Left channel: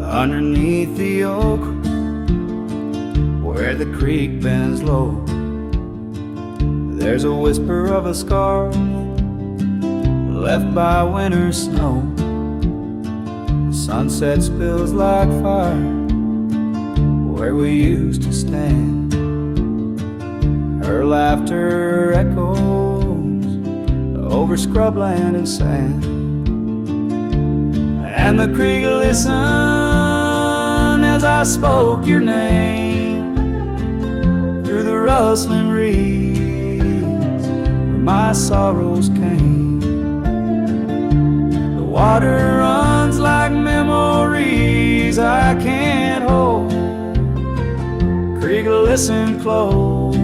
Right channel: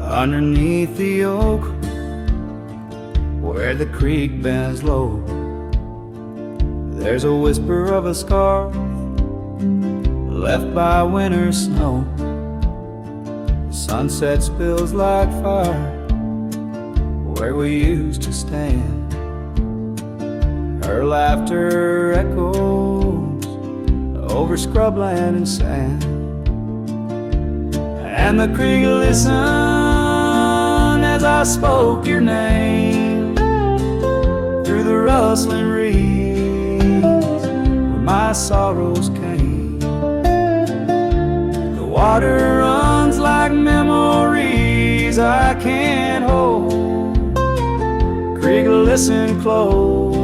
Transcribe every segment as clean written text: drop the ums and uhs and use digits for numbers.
Underneath the oak, where the creek bends low, there's a whisper of a scar left by winter snow. The sunset spills like fire where we used to stand. Her laughter echoes over scrubland and sand, and the creek listened as I spoke your name through the rustling reeds where my sorrows came. The water runs like memories I can't hold. Creek, listen close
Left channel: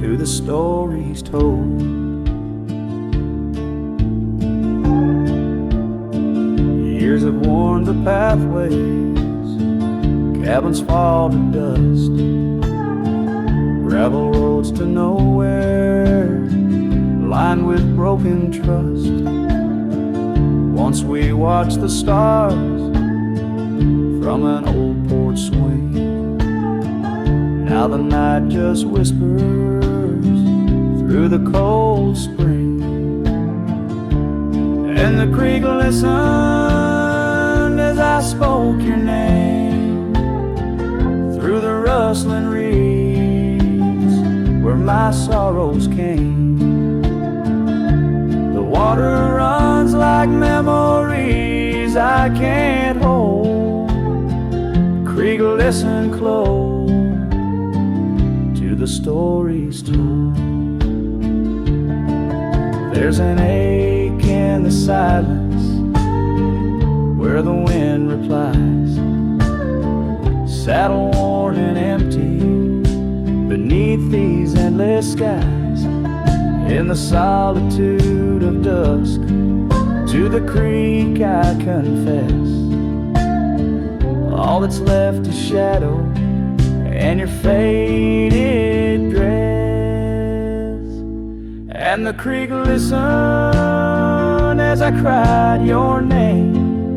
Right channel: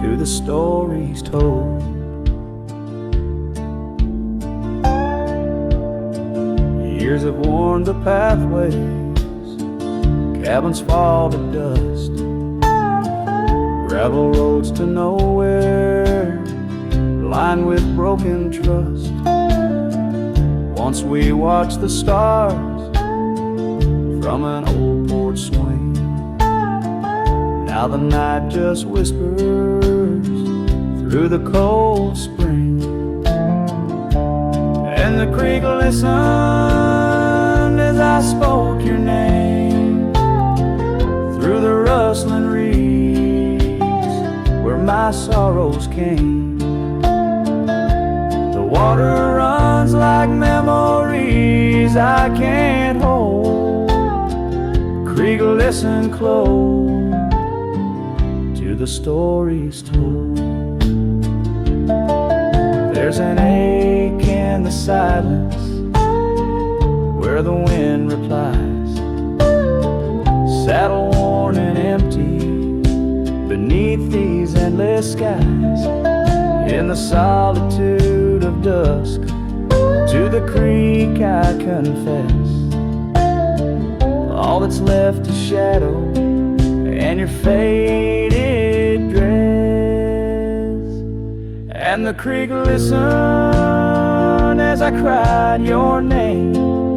to the stories told. Years have worn the pathways, cabins fall to dust, gravel roads to nowhere, lined with broken trust. Once we watched the stars from an old porch swing. Now the night just whispers through the cold spring. And the creek listened as I spoke your name through the rustling reeds where my sorrows came. The water runs like memories I can't hold. Creek, listen close to the stories told. There's an ache in the silence where the wind replies, saddle worn and empty beneath these endless skies. In the solitude of dusk, to the creek I confess, all that's left is shadow and your faded dress. And the creek listened as I cried your name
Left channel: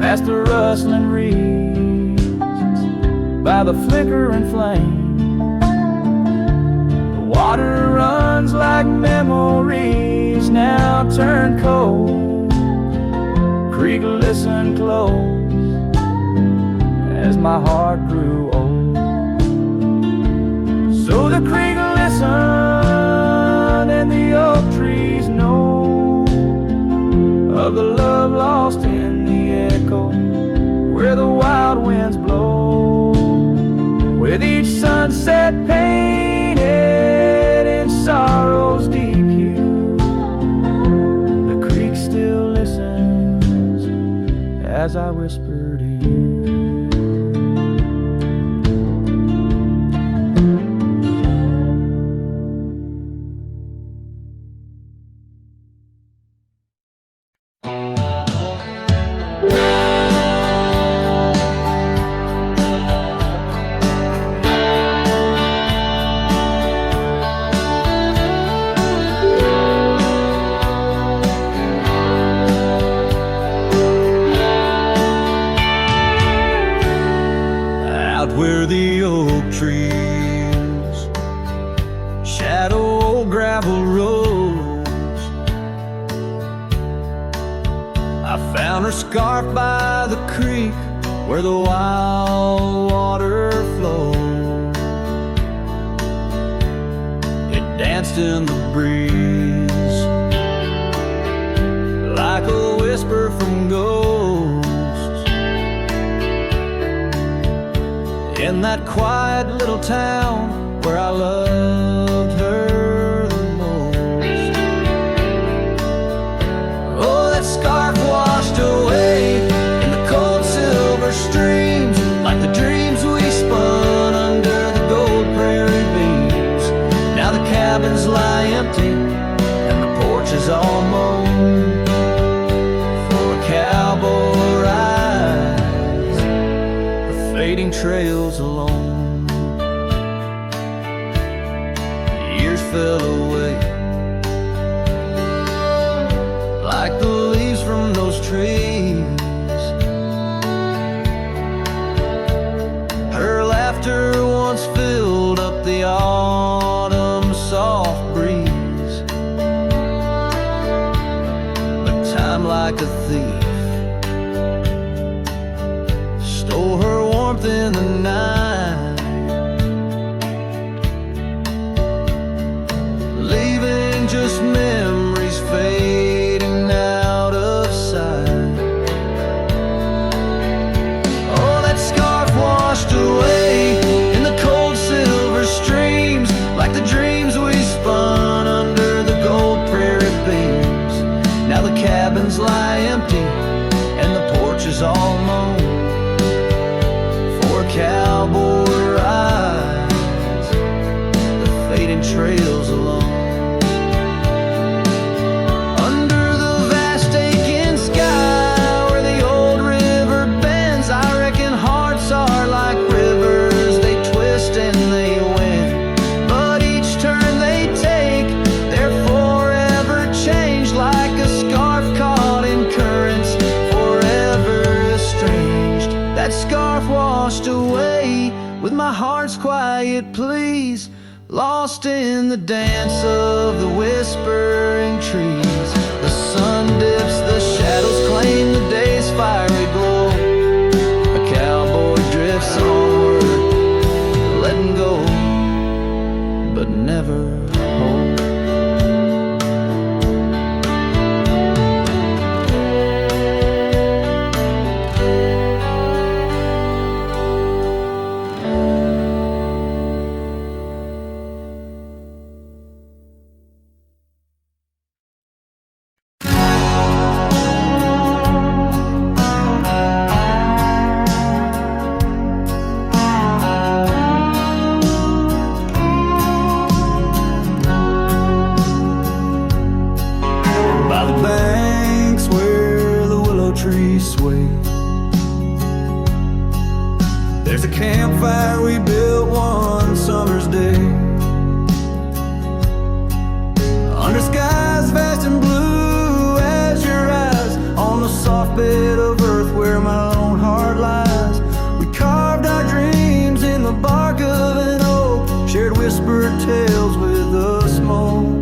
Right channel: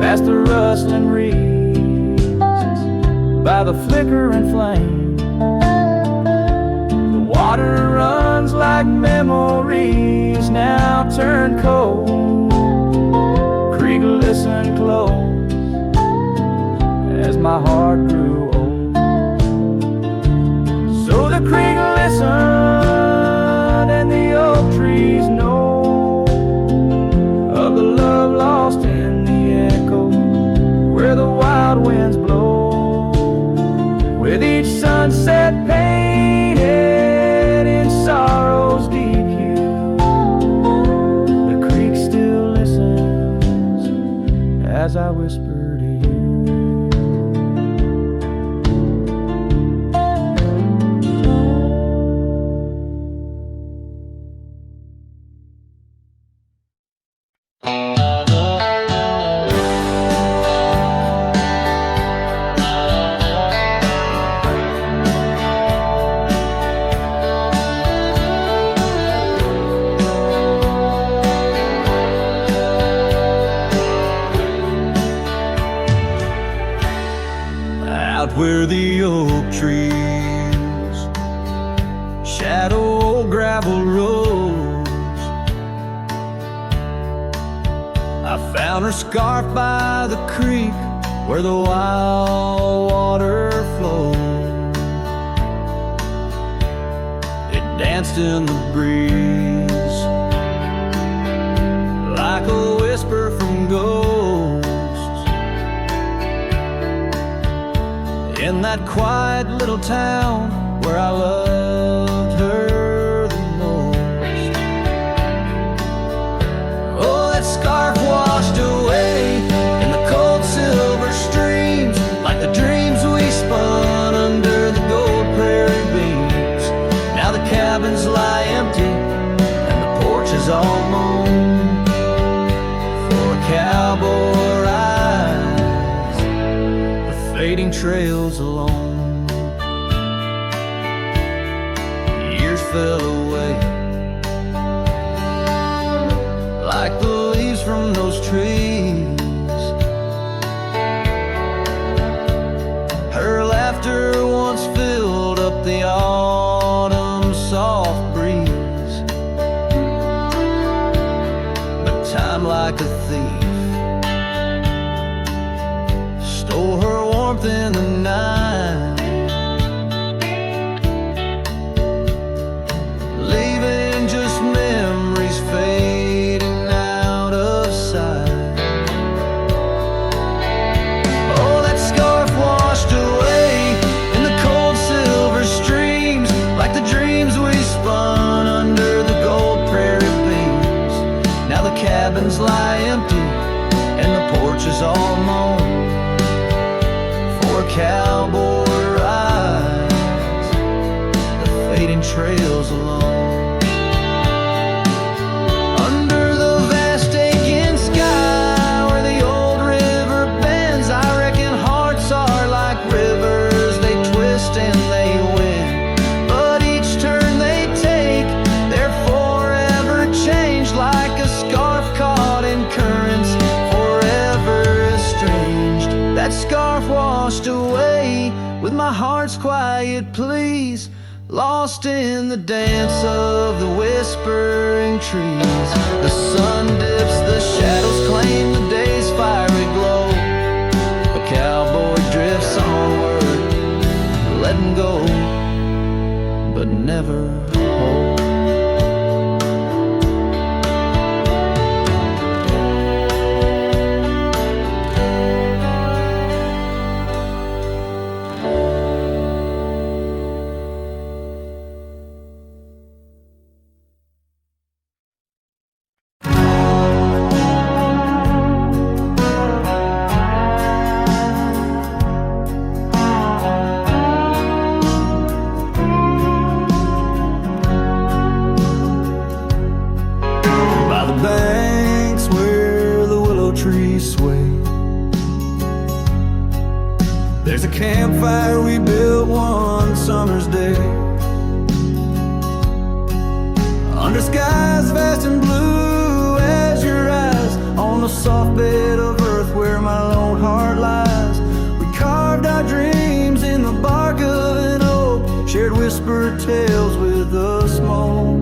past the rustling reeds by the flickering flame. The water runs like memories now turn cold. Creek, listen close as my heart grew old. So the creek listened and the oak trees know of the love lost in the echo where the wild winds blow, with each sunset painted in sorrow's deep hue. The creek still listens as I whisper to you. Out where the oak trees shadow old gravel roads, I found her scarf by the creek where the wild water flowed. It danced in the breeze like a whisper from ghosts. In that quiet little town where I loved her the most. Oh, that scarf washed away in the cold silver streams, like the dreams we spun under the gold prairie beams. Now the cabins lie empty and the porch is all mown for a cowboy ride, fading trails alone. Years fell away like the leaves from those trees. Her laughter once filled up the autumn soft breeze. But time, like a thief, stole her warmth in the night, leaving just memories fading out of sight. Oh, that scarf washed away in the cold silver streams, like the dreams we spun under the gold prairie beams. Now the cabins lie empty and the porch is all mown for a cowboy rides the fading trails alone. Under the vast aching sky where the old river bends, I reckon hearts are like rivers, they twist and they win. But each turn they take, they're forever changed, like a scarf caught in currents, forever estranged. That scarf washed away with my heart's quiet pleas, lost in the dance of the whispering trees. The sun dips, the shadows claim the day's fiery glow. A cowboy drifts onward, letting go, but never hold. Banks where the willow trees sway, there's a campfire we built one summer's day, under skies vast and blue as your eyes, on the soft bed of earth where my lone heart lies. We carved our dreams in the bark of an oak, shared whispered tales with the smoke.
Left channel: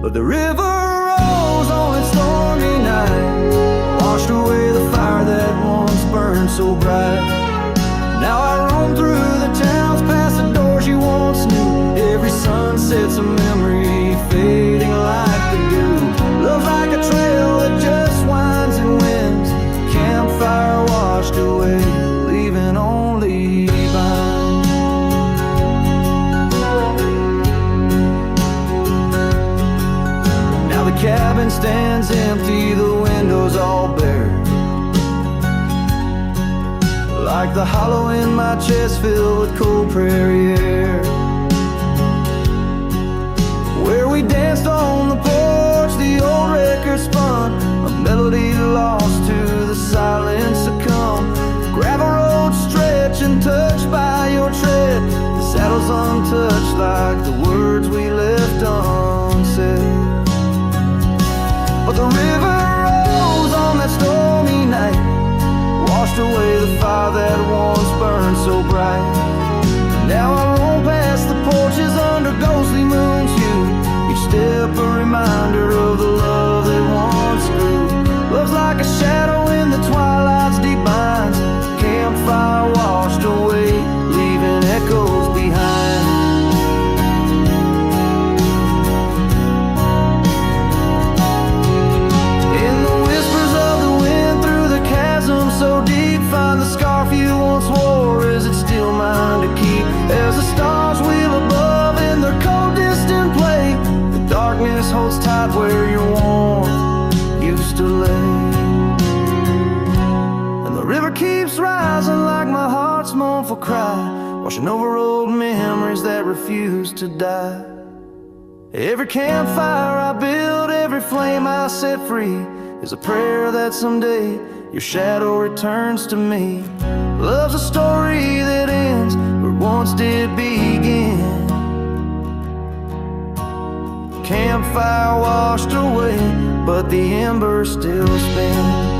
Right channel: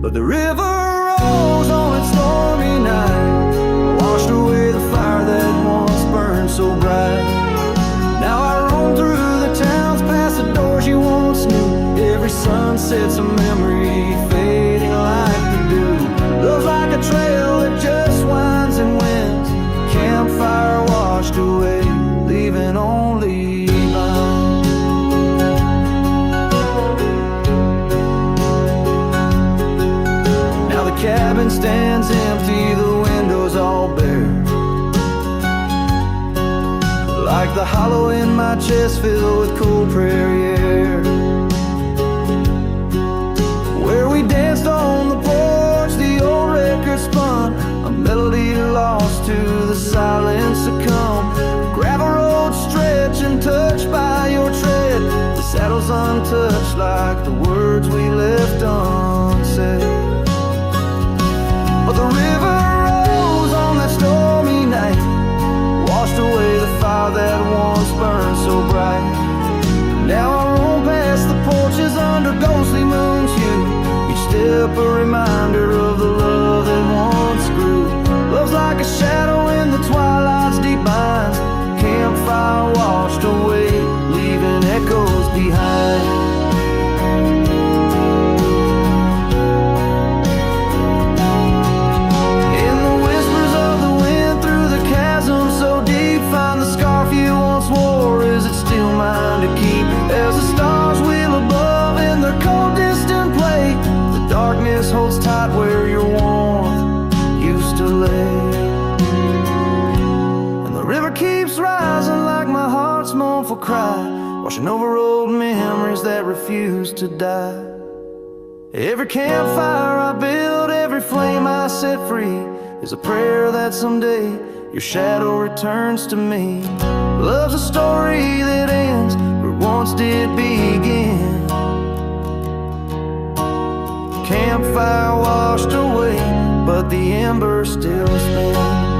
But the river rose on its stormy night, washed away the fire that once burned so bright. Now I roam through the towns, past the doors you once knew. Every sunset's a memory fading like the dew. Love's like a trail that just winds and winds, campfire washed away, leaving only behind. The cabin stands empty, the windows all bare, like the hollow in my chest filled with cool prairie air. Where we danced on the porch, the old record spun, a melody lost to the silence succumb. Gravel road stretch and touched by your tread, the saddle's untouched like the words we left unsaid. But the river rose on that stormy night, washed away the fire that once burned so bright. Now I roam past the porches under ghostly moon's hue, each step a reminder of the love that once grew. Love's like a shadow in the twilight's deep binds, campfire washed away, leaving echoes behind. So deep, find the scarf you once wore. Is it still mine to keep? As the stars wheel above in their cold distant play, the darkness holds tight where your warmth used to lay. And the river keeps rising like my heart's mournful cry, washing over old memories that refuse to die. Every campfire I build, every flame I set free, is a prayer that someday your shadow returns to me. Love's a story that ends where it once did begin. campfire washed away, but the embers still spin.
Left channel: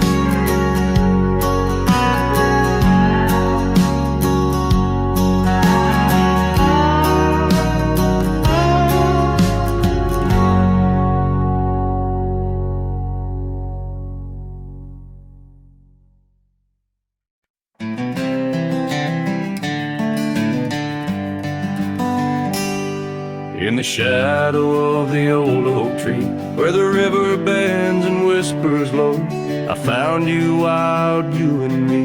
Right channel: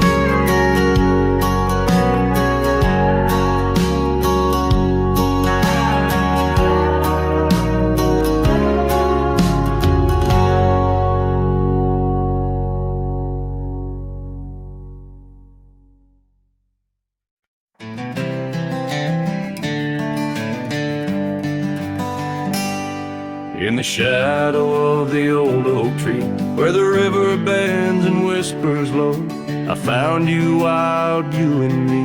In the shadow of the old oak tree, where the river bends and whispers low, I found you, wild, you and me,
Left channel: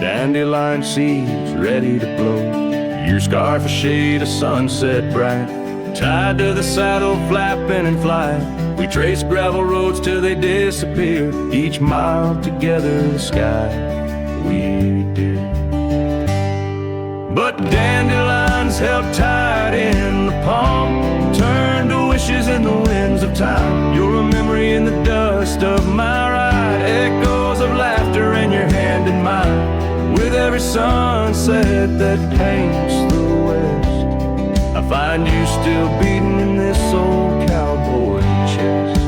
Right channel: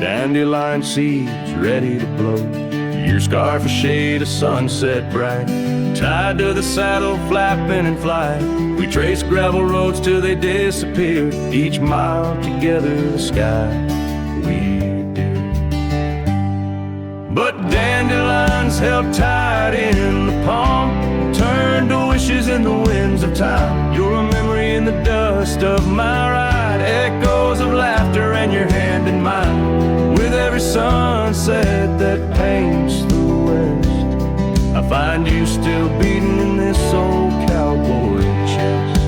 dandelion seeds ready to blow. Your scarf a shade of sunset bright, tied to the saddle, flapping in flight. We traced gravel roads till they disappeared, each mile together the sky we did. But dandelions held tight in the palm, turned to wishes in the winds of time. You're a memory in the dust of my ride, echoes of laughter and your hand in mine. With every sunset that paints the west, I find you still beating in this old cowboy chest.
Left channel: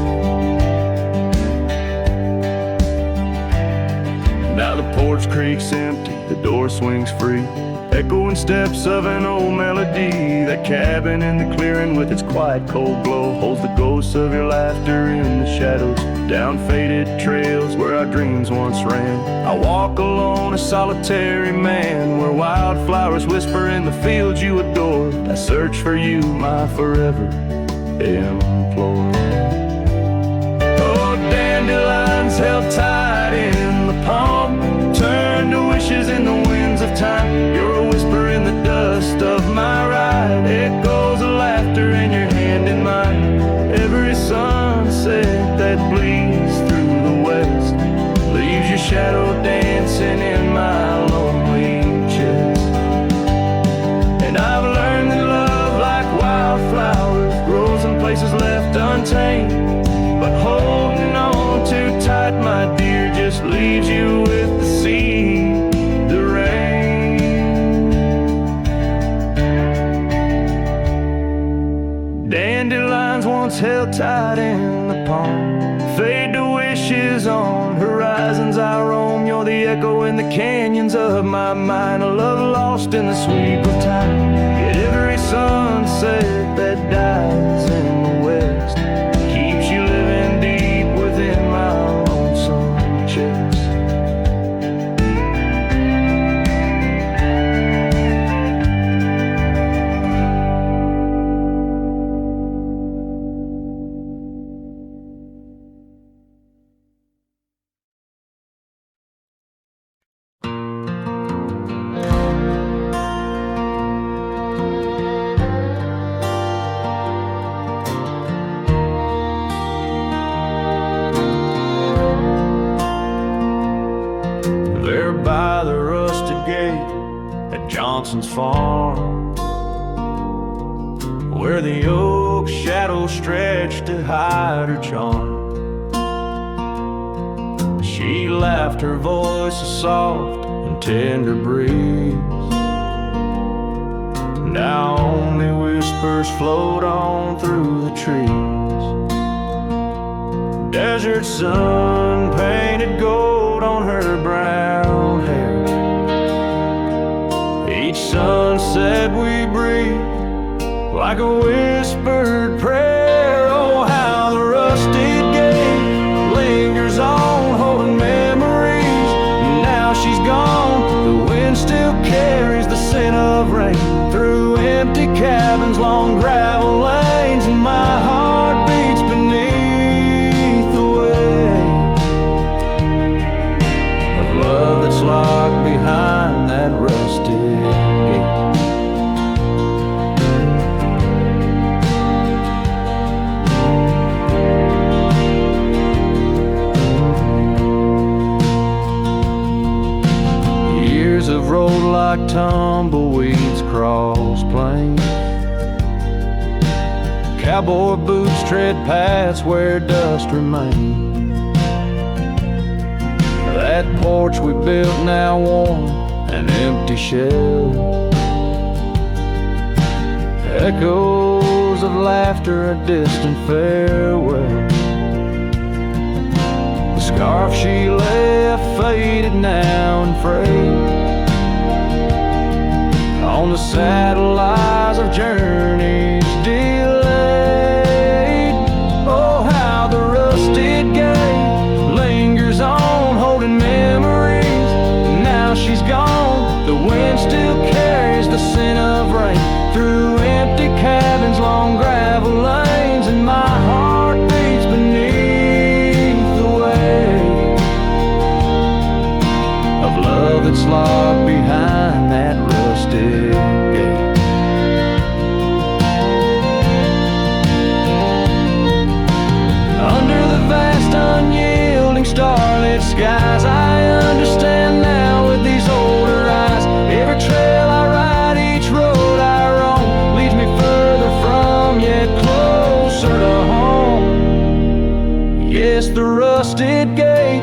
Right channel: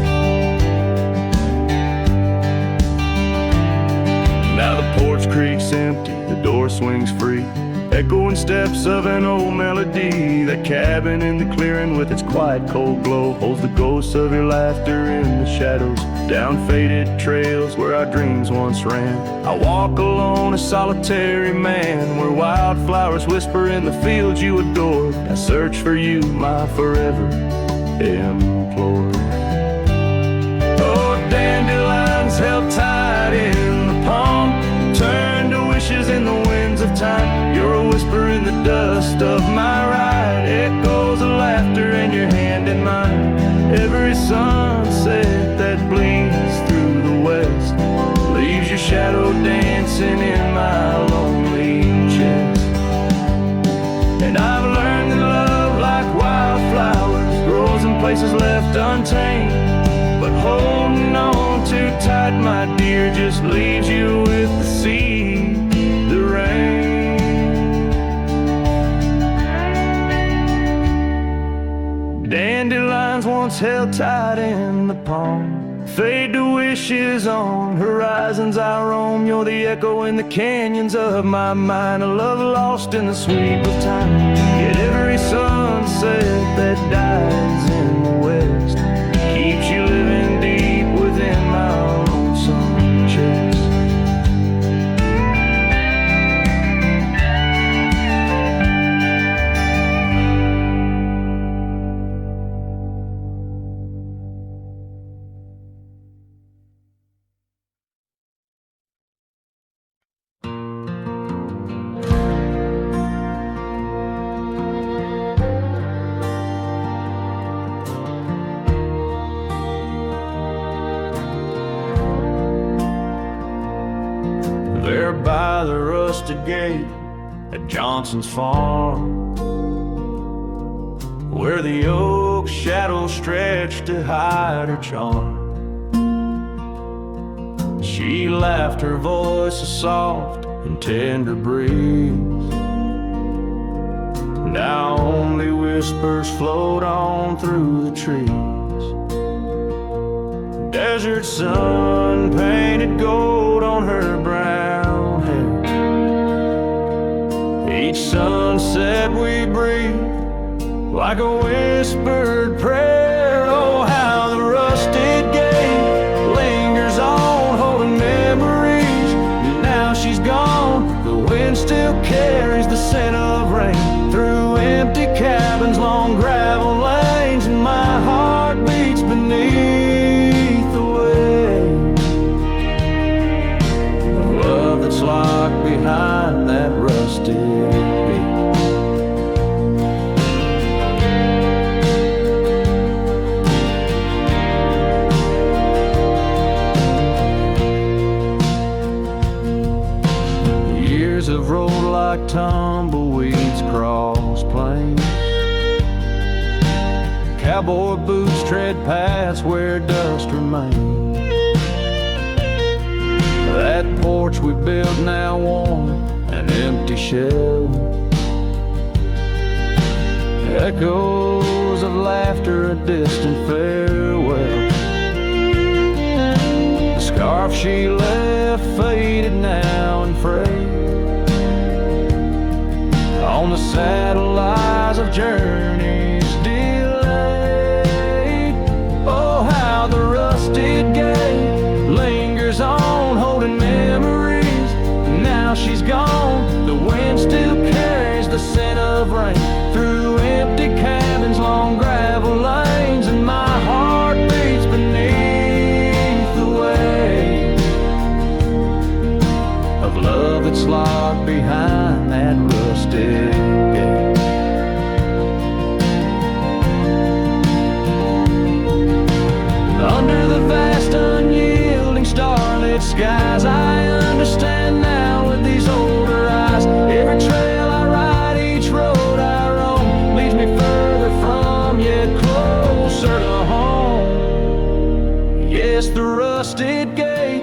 Now the porch creaks empty, the door swings free, echoing steps of an old melody. That cabin in the clearing with its quiet cold glow holds the ghosts of your laughter in the shadows, down faded trails where our dreams once ran. I walk alone, a solitary man, where wildflowers whisper in the fields you adored. I search for you, my forever implored. Oh, dandelions held tight in the palm, turned to wishes in the winds of time. You're a whisper in the dust of my ride, echoes of laughter and your hand in mine. Every sunset that bleeds through the west leaves your shadow dancing in my lonely chest. And I've learned that love, like wildflowers, grows in places left untamed, but holding on too tight, my dear, just leaves you with the sea, the rain. Dandelions once held tight in the palm, fade to wishes on horizons I roam. You're the echo in the canyons of my mind, a love lost in the sweep of time. Yet every sunset that dies in the west keeps you living deep within my lonesome chest. There by the rustic gate at Johnson's farm, where the oak shadows stretched to hide her charm, she laughed, her voice a soft and tender breeze. Now only whispers float on through the trees. Desert sun painted gold on her brown hair. Each sunset we breathe like a whispered prayer. Oh, how the rusted gate lingers on, holding memories. Now she's gone, the wind still carries the scent of rain through empty cabins, long gravel lanes, and my heart beats beneath the weight of love that's locked behind that rusted gate. Years have rolled like tumbleweeds across plains. Cowboy boots tread paths where dust remains. That porch we built now worn, an empty shell. Echoes of laughter, a distant farewell. The scarf she left faded now and frayed. On the saddle lies of journeys delayed. Oh, how the rusted gate lingers on, holding memories. Now she's gone, the wind still carries the scent of rain through empty cabins, long gravel lanes, and my heart beats beneath the weight of love that's locked behind that rusted gate. Under the vast unyielding starlit skies, I understand now with these older eyes. Every trail I ride, each road I roam, leads me further from, yet closer to home. Yes, the rusted gate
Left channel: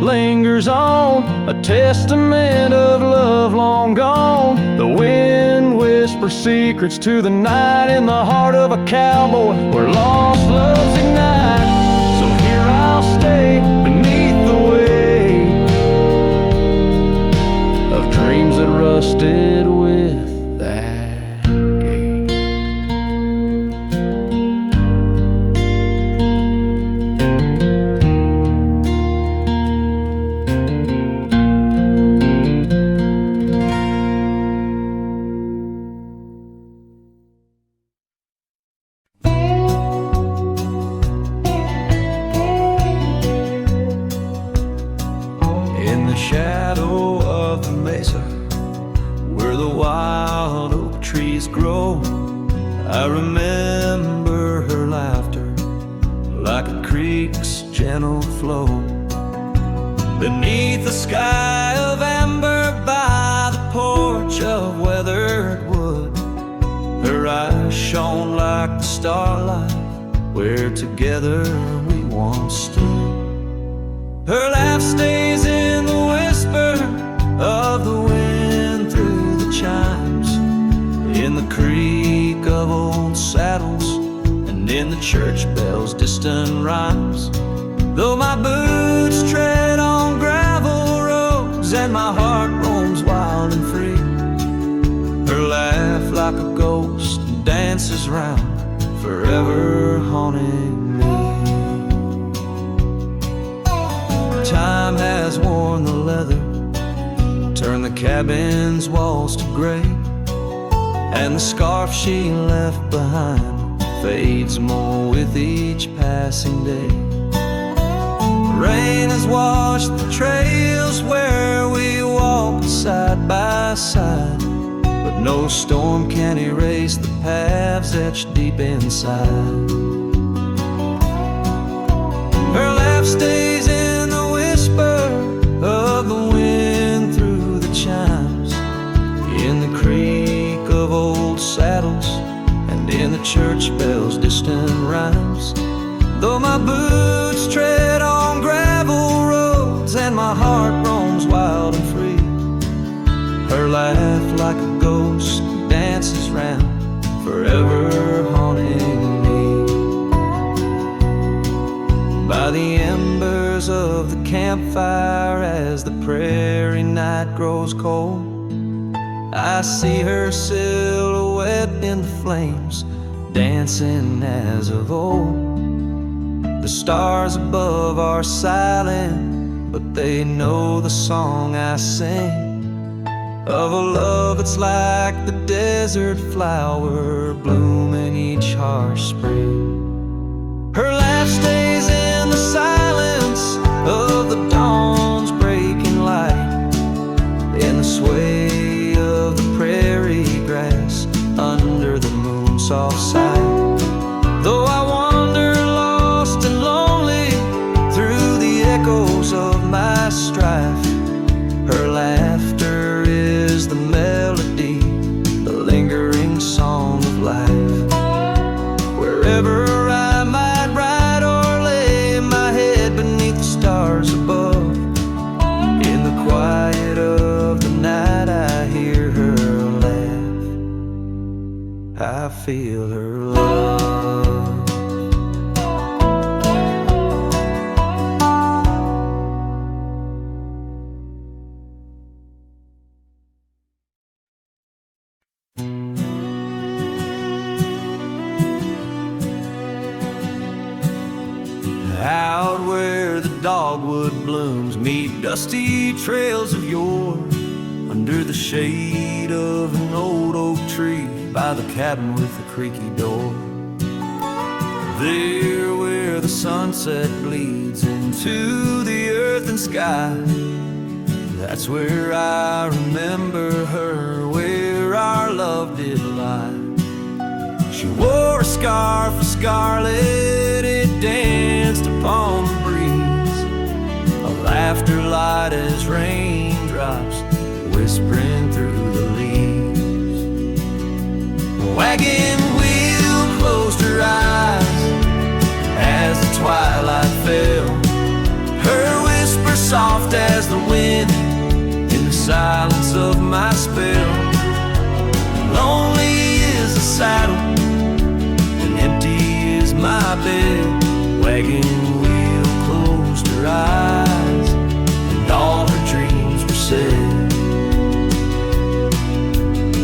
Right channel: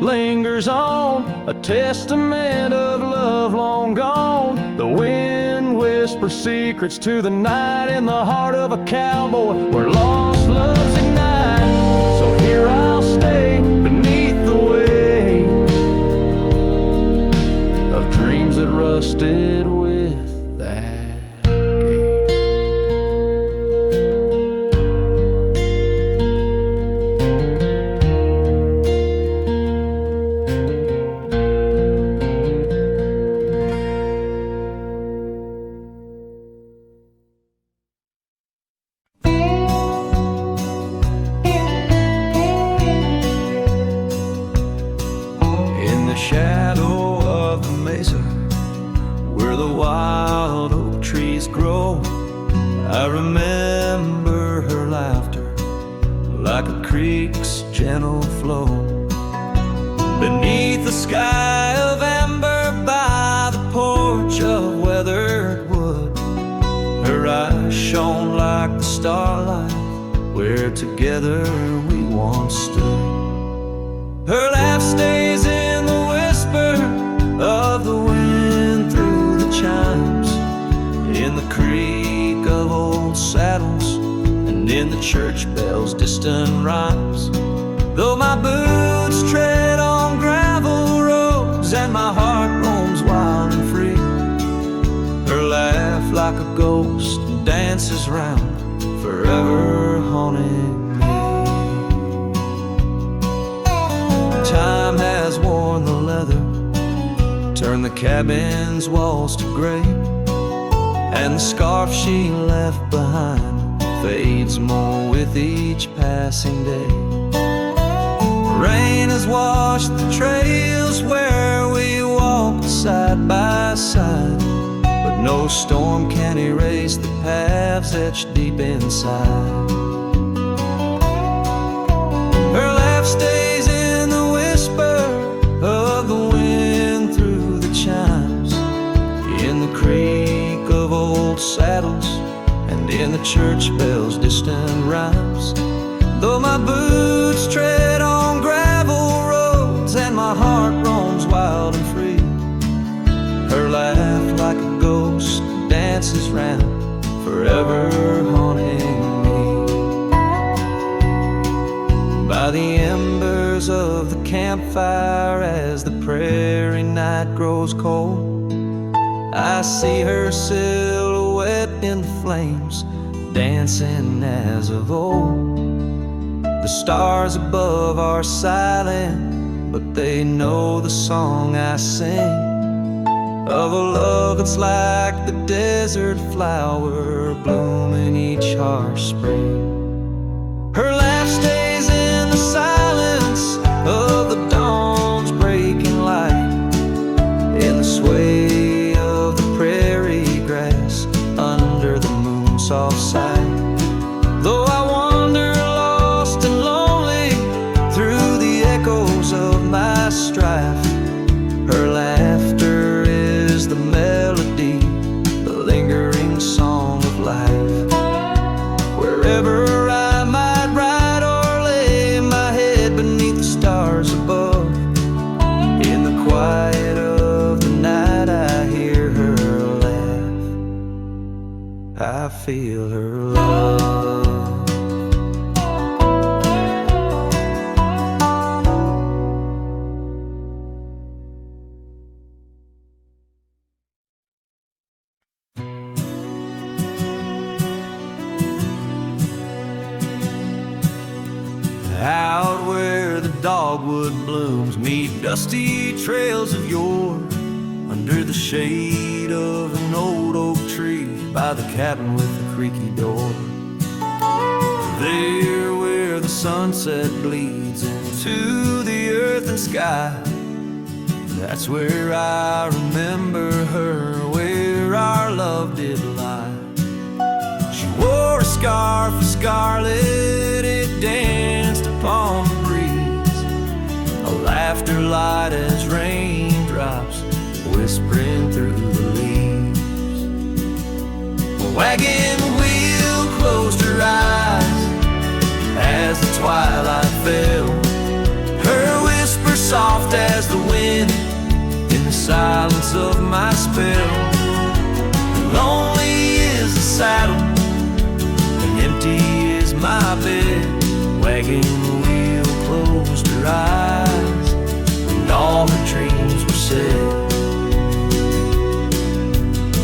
lingers on, a testament of love long gone. The wind whispers secrets to the night in the heart of a cowboy where lost loves ignite. So here I'll stay beneath the weight of dreams that rusted with that gate. In the shadow of the mesa, where the wild oak trees grow, I remember her laughter like a creek's gentle flow. Beneath the sky of amber by the porch of weathered wood, her eyes shone like the starlight where together we once stood. Her laugh stays in the whisper of the wind through the chimes, in the creak of old saddles, and in the church bells' distant rhymes. Though my boots tread on gravel roads and my heart roams wild and free, her laugh like a ghost dances round, forever haunting me. Time has worn the leather, turned the cabin's walls to gray, and the scarf she left behind fades more with each passing day. Rain has washed the trails where we walked side by side, but no storm can erase the paths etched deep inside. Her laugh stays in the whisper of the wind through the chimes, in the creak of old saddles, and in the church bells' distant rhymes. Though my boots tread on gravel roads and my heart roams wild and free, her laugh like a ghost dances round, forever haunting me. By the embers of the campfire as the prairie night grows cold, I see her silhouette in the flames, dancing as of old. The stars above are silent, but they know the song I sing, of a love that's like the desert flower blooming each harsh spring. Her laugh stays in the silence of the dawn's breaking light, in the sway of the prairie grass under the moon's soft sight. Though I wander lost and lonely through the echoes of my strife, her laughter is the melody, the lingering song of life. Wherever I might ride or lay my head beneath the stars above, in the quiet of the night I hear her laugh, I feel her love. Out where the dogwood blooms meet dusty trails of yore, under the shade of an old oak tree by the cabin with the creaky door. There where the sunset bleeds into the earth and sky, that's where I remember her, where our love did lie. She wore a scarf of scarlet, it danced upon the breeze, a laughter light as raindrops whispering through the leaves. The wagon wheel closed her eyes as the twilight fell, her whisper soft as the wind in the silence of my spell. Lonely is the saddle and empty is my bed. Wagon wheel closed her eyes and all her dreams were said.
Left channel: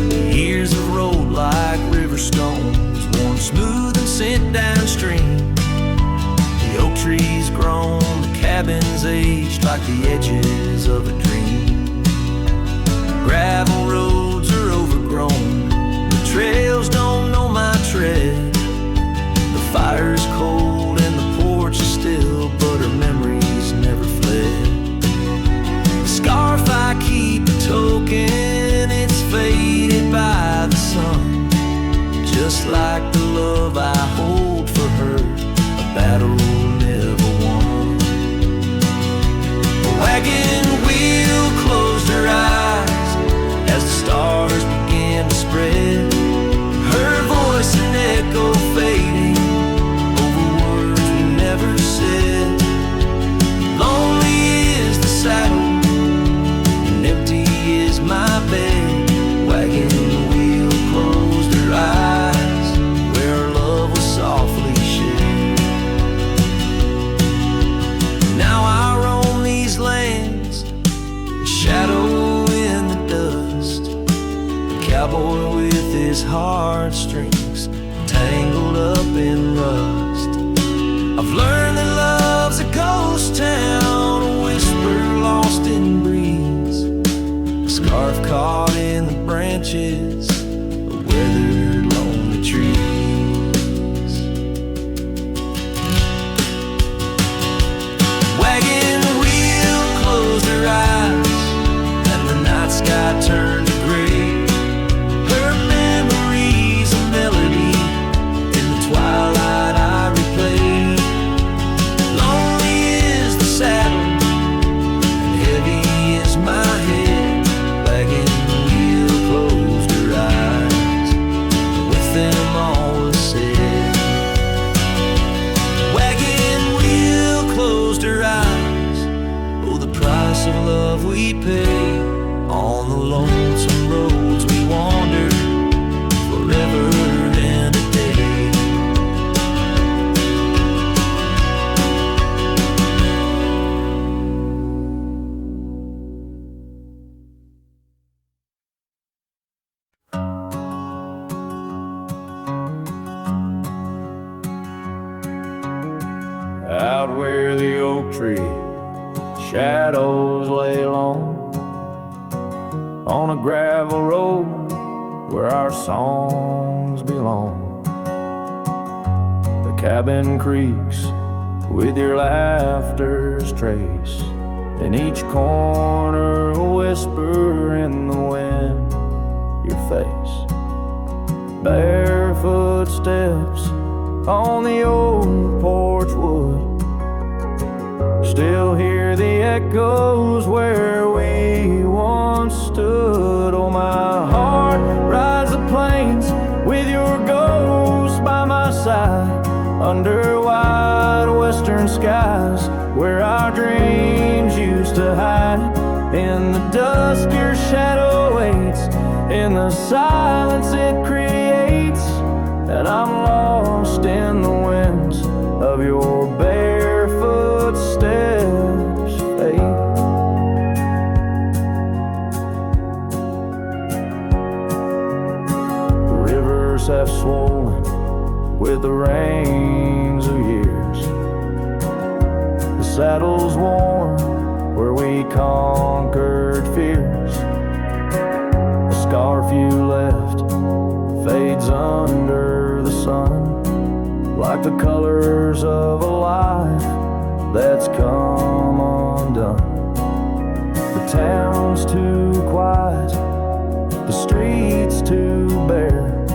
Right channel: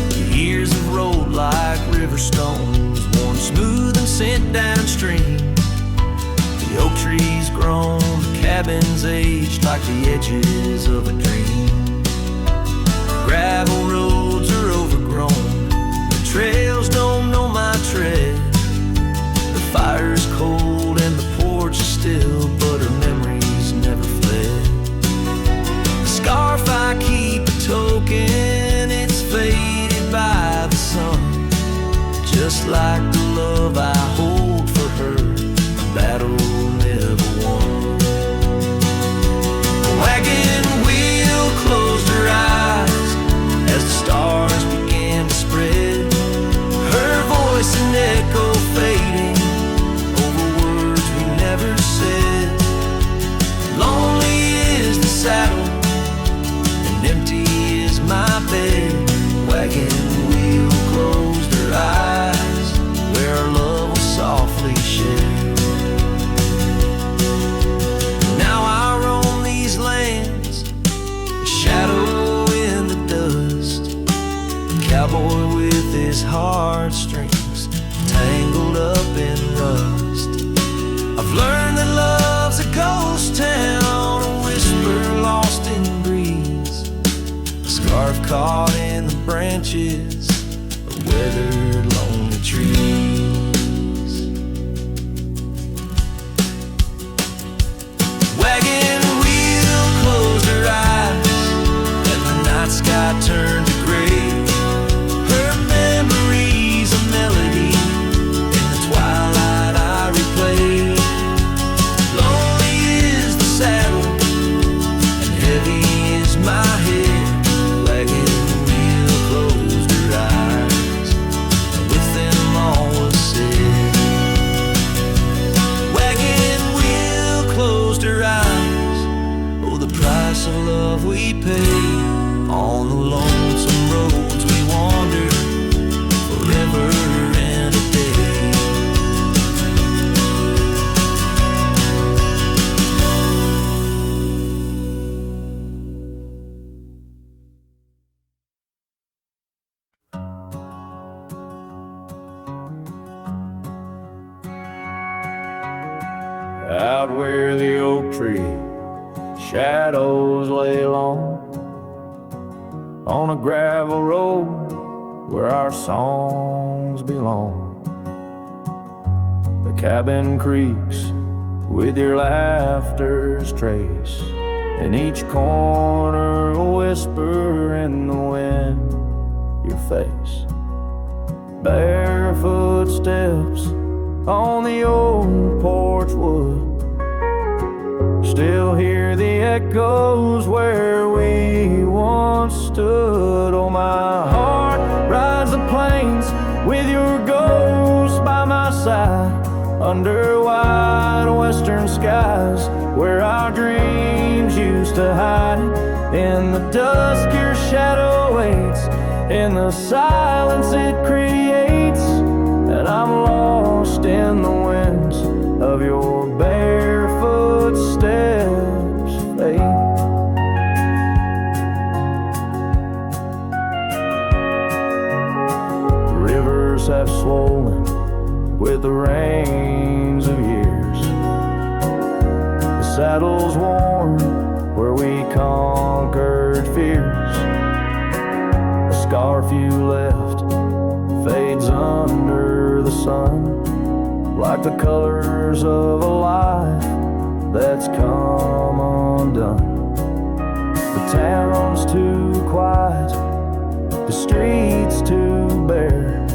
The years have rolled like river stones, worn smooth and sent downstream. The oak trees grown, the cabins aged like the edges of a dream. Gravel roads are overgrown, the trails don't know my tread. The fire is cold and the porch is still, but her memories never fled. The scarf I keep a token, it's faded by the sun, just like the love I hold for her, a battle never won. The wagon wheel closed her eyes as the stars began to spread, her voice an echo fading over words we never said. Lonely is the saddle and empty is my bed. Wagon wheel closed her eyes where our love was softly shed. Now I roam these lands, a shadow in the dust, a cowboy with his heartstrings tangled up in rust. I've learned that love's a ghost town, a whisper lost in breeze, a scarf caught in the branches of weathered lonely trees. Wagon wheel closed her eyes and the night sky turned to gray, her memories a melody in the twilight I replay. Lonely is the saddle and heavy is my head. Wagon wheel closed her eyes and with them all was said. Wagon wheel closed her eyes, oh the price of love we pay on the lonesome roads we wander forever and a day. Out where the oak tree shadows lay long, on a gravel road where our songs belong. The cabin creaks with your laughter's trace, in each corner a whisper in the wind, your face. Barefoot steps on the old porch wood, still hear the echoes where we once stood. Oh, my heart rides the plains with your ghost by my side, under wide western skies where our dreams used to hide. In the dusk your shadow waits, in the silence it creates, and I'm lost in the winds of your barefoot steps, fate. The rivers have swollen with the rains of years, saddles warm where we conquered fears. A scarf you left fades under the sun, like the colors of a life that's come undone. The town's too quiet, the streets too bare.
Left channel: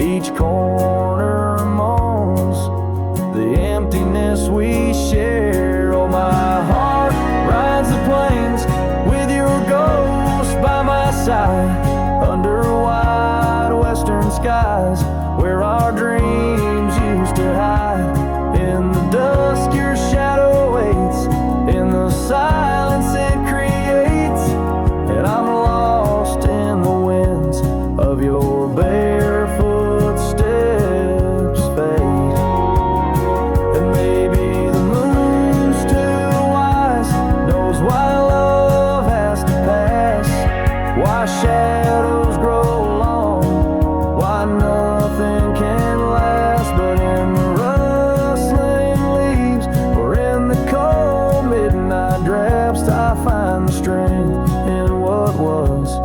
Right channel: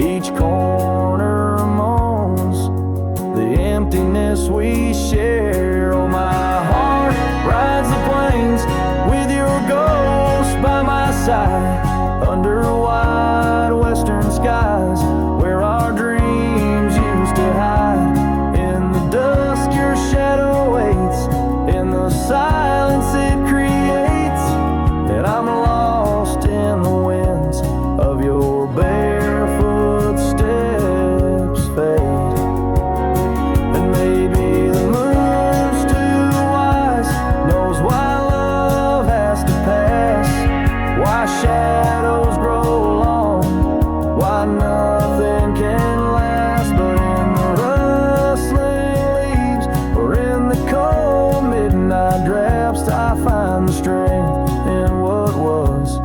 Each corner moans the emptiness we share. Oh, my heart rides the plains with your ghost by my side, under wide western skies where our dreams used to hide. In the dusk your shadow waits, in the silence it creates, and I'm lost in the winds of your barefoot steps fade. And maybe the moon's too wise, knows why love has to pass, why shadows grow long, why nothing can last. But in the rustling leaves or in the cold midnight drafts, I find the strength in what was,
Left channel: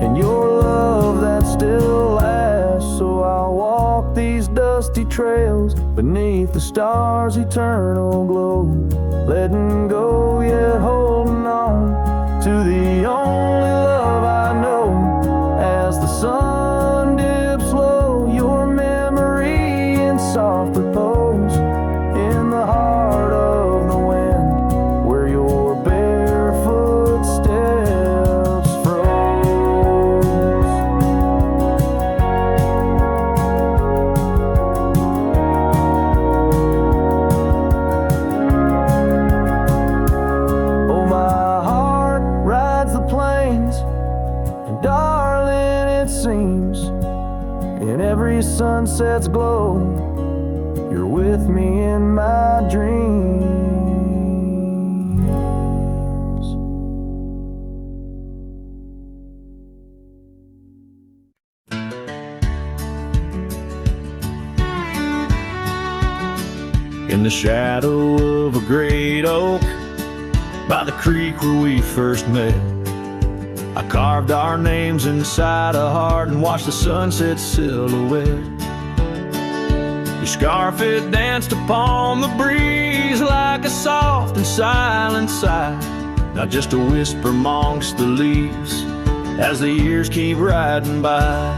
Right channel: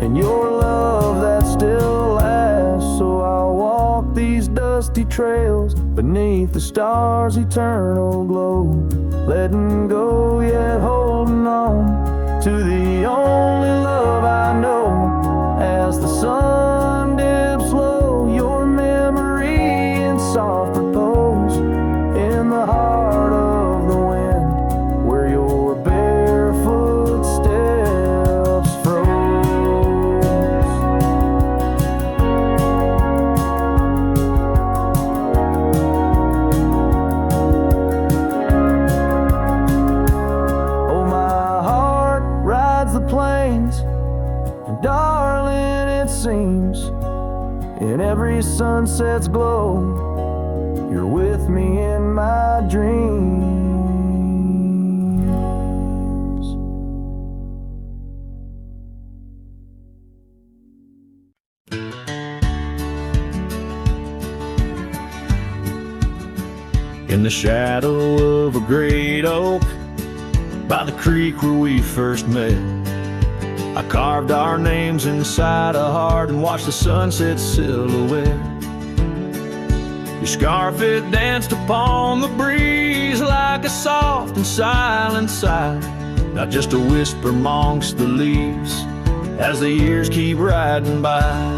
in your love that still lasts. So I'll walk these dusty trails beneath the stars' eternal glow, letting go yet holding on to the only love I know. As the sun dips low, your memory in soft repose, in the heart of the wind where your barefoot steps froze. Oh, my heart rides the plains, and darling, it seems in every sunset's glow, you're with me in my dreams. In the shadow of a great oak by the creek where we first met, I carved our names inside a heart and watched the sunset silhouette. Your scarf, it danced upon the breeze like a soft and silent sigh, not just a whisper amongst the leaves as the years keep riding by.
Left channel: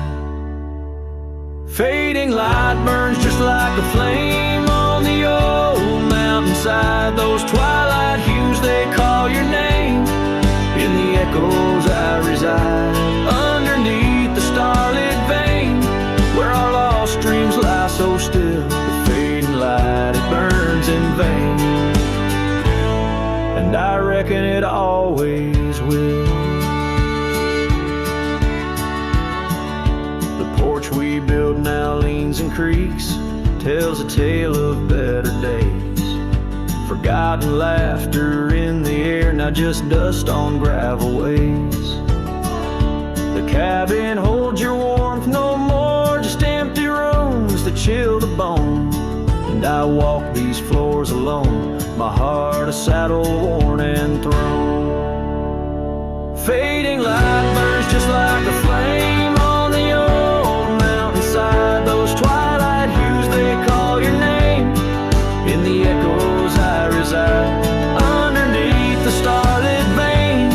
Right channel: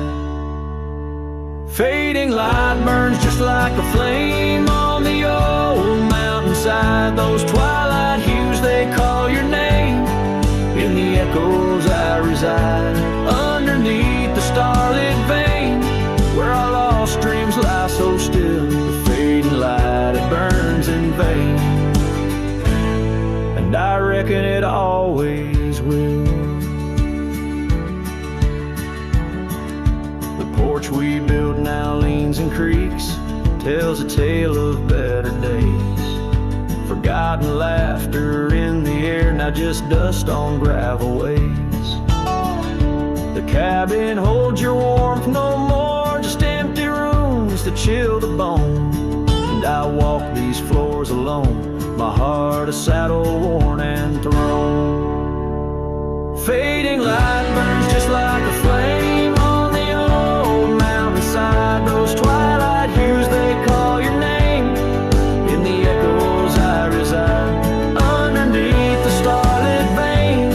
Fading light burns just like a flame on the old mountainside. Those twilight hues, they call your name. In the echoes I reside, underneath the starlit vein where our lost dreams lie so still. The fading light, it burns in vain, and I reckon it always will. The porch we built now leans and creaks, tells a tale of better days. Forgotten laughter in the air, now just dust on gravel ways. The cabin holds your warmth no more, just empty rooms that chill the bone. And I walk these floors alone, my heart a saddle worn and thrown. Fading light burns just like a flame on the old mountainside. Those twilight hues, they call your name. In the echoes I reside, underneath the starlit vein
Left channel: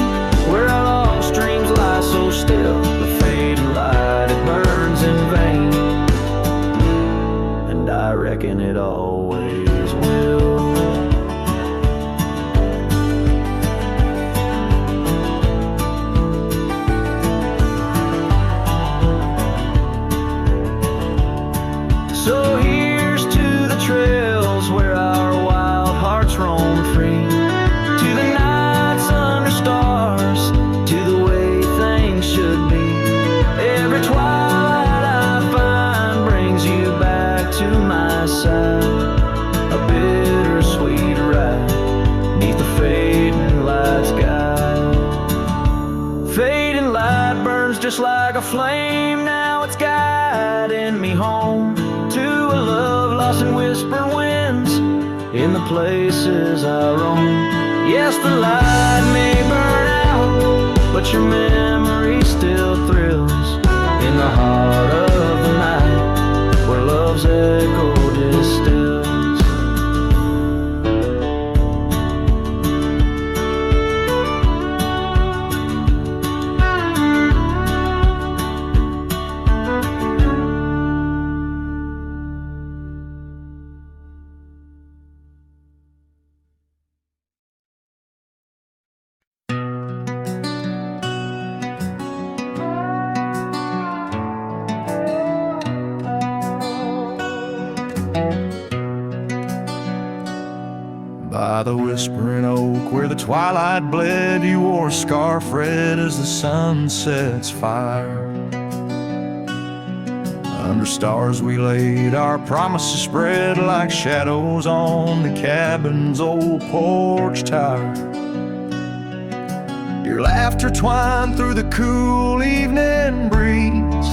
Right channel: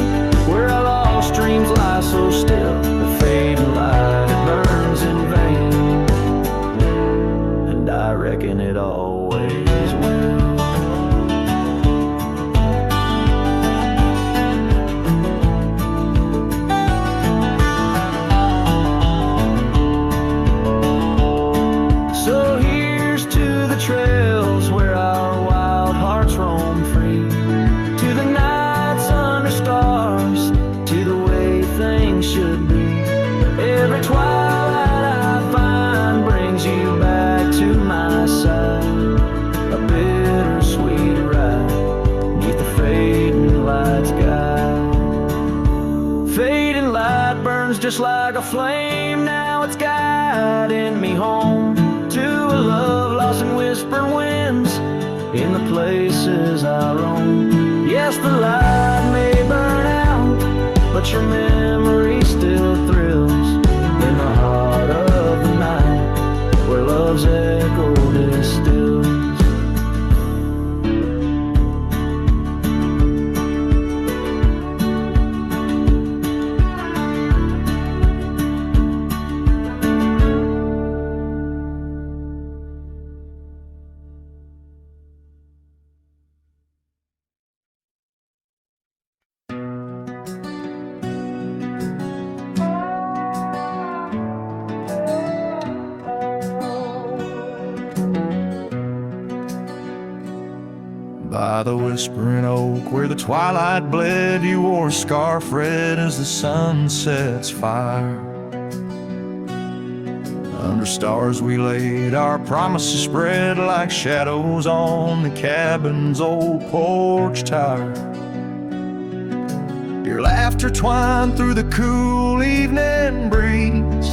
where our lost dreams lie so still. The fading light, it burns in vain, and I reckon it always will. So here's to the trails where our wild hearts roam free, to the nights under stars, to the way things should be. Every twilight I find brings you back to my side, a bittersweet ride neath the fading light sky. Fading light burns just like a flame, now it's guiding me home to a love lost in whispering winds. in the places I roam. Yes, the light may burn out, but your memory still thrills in the heart of the night, where love's echo distills. By the whispering oak where the twilight bled, you wore a scarf red as the sun sets fire. Under stars we laid our promises spread like shadows on the cabin's old porch tower. Your laughter twined through the cool evening breeze,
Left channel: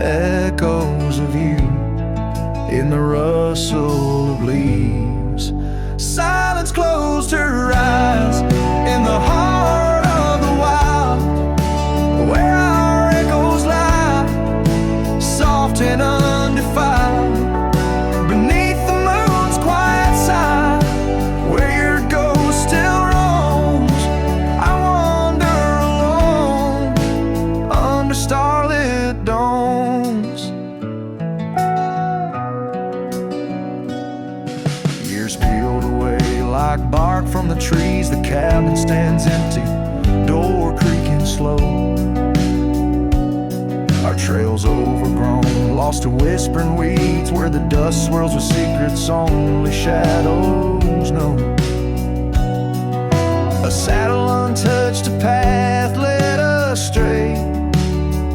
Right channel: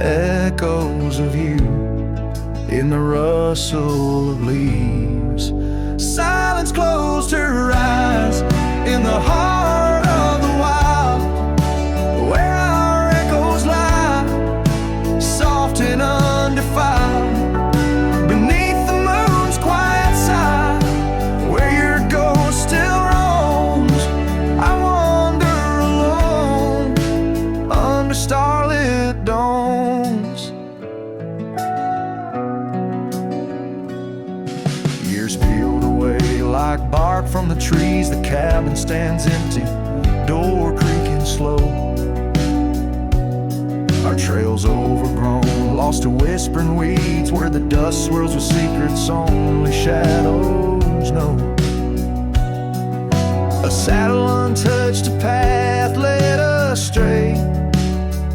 echoes of you in the rustle of leaves. Silence closed her eyes in the heart of the wild, where our echoes lie, soft and undefiled, beneath the moon's quiet side, where your ghost still roams. I wander alone under starlit domes. Years peeled away like bark from the trees, the cabin stands empty, door creaking slow. Our trails overgrown, lost to whispering weeds, where the dust swirls with secrets only shadows know. A saddle untouched, a path led astray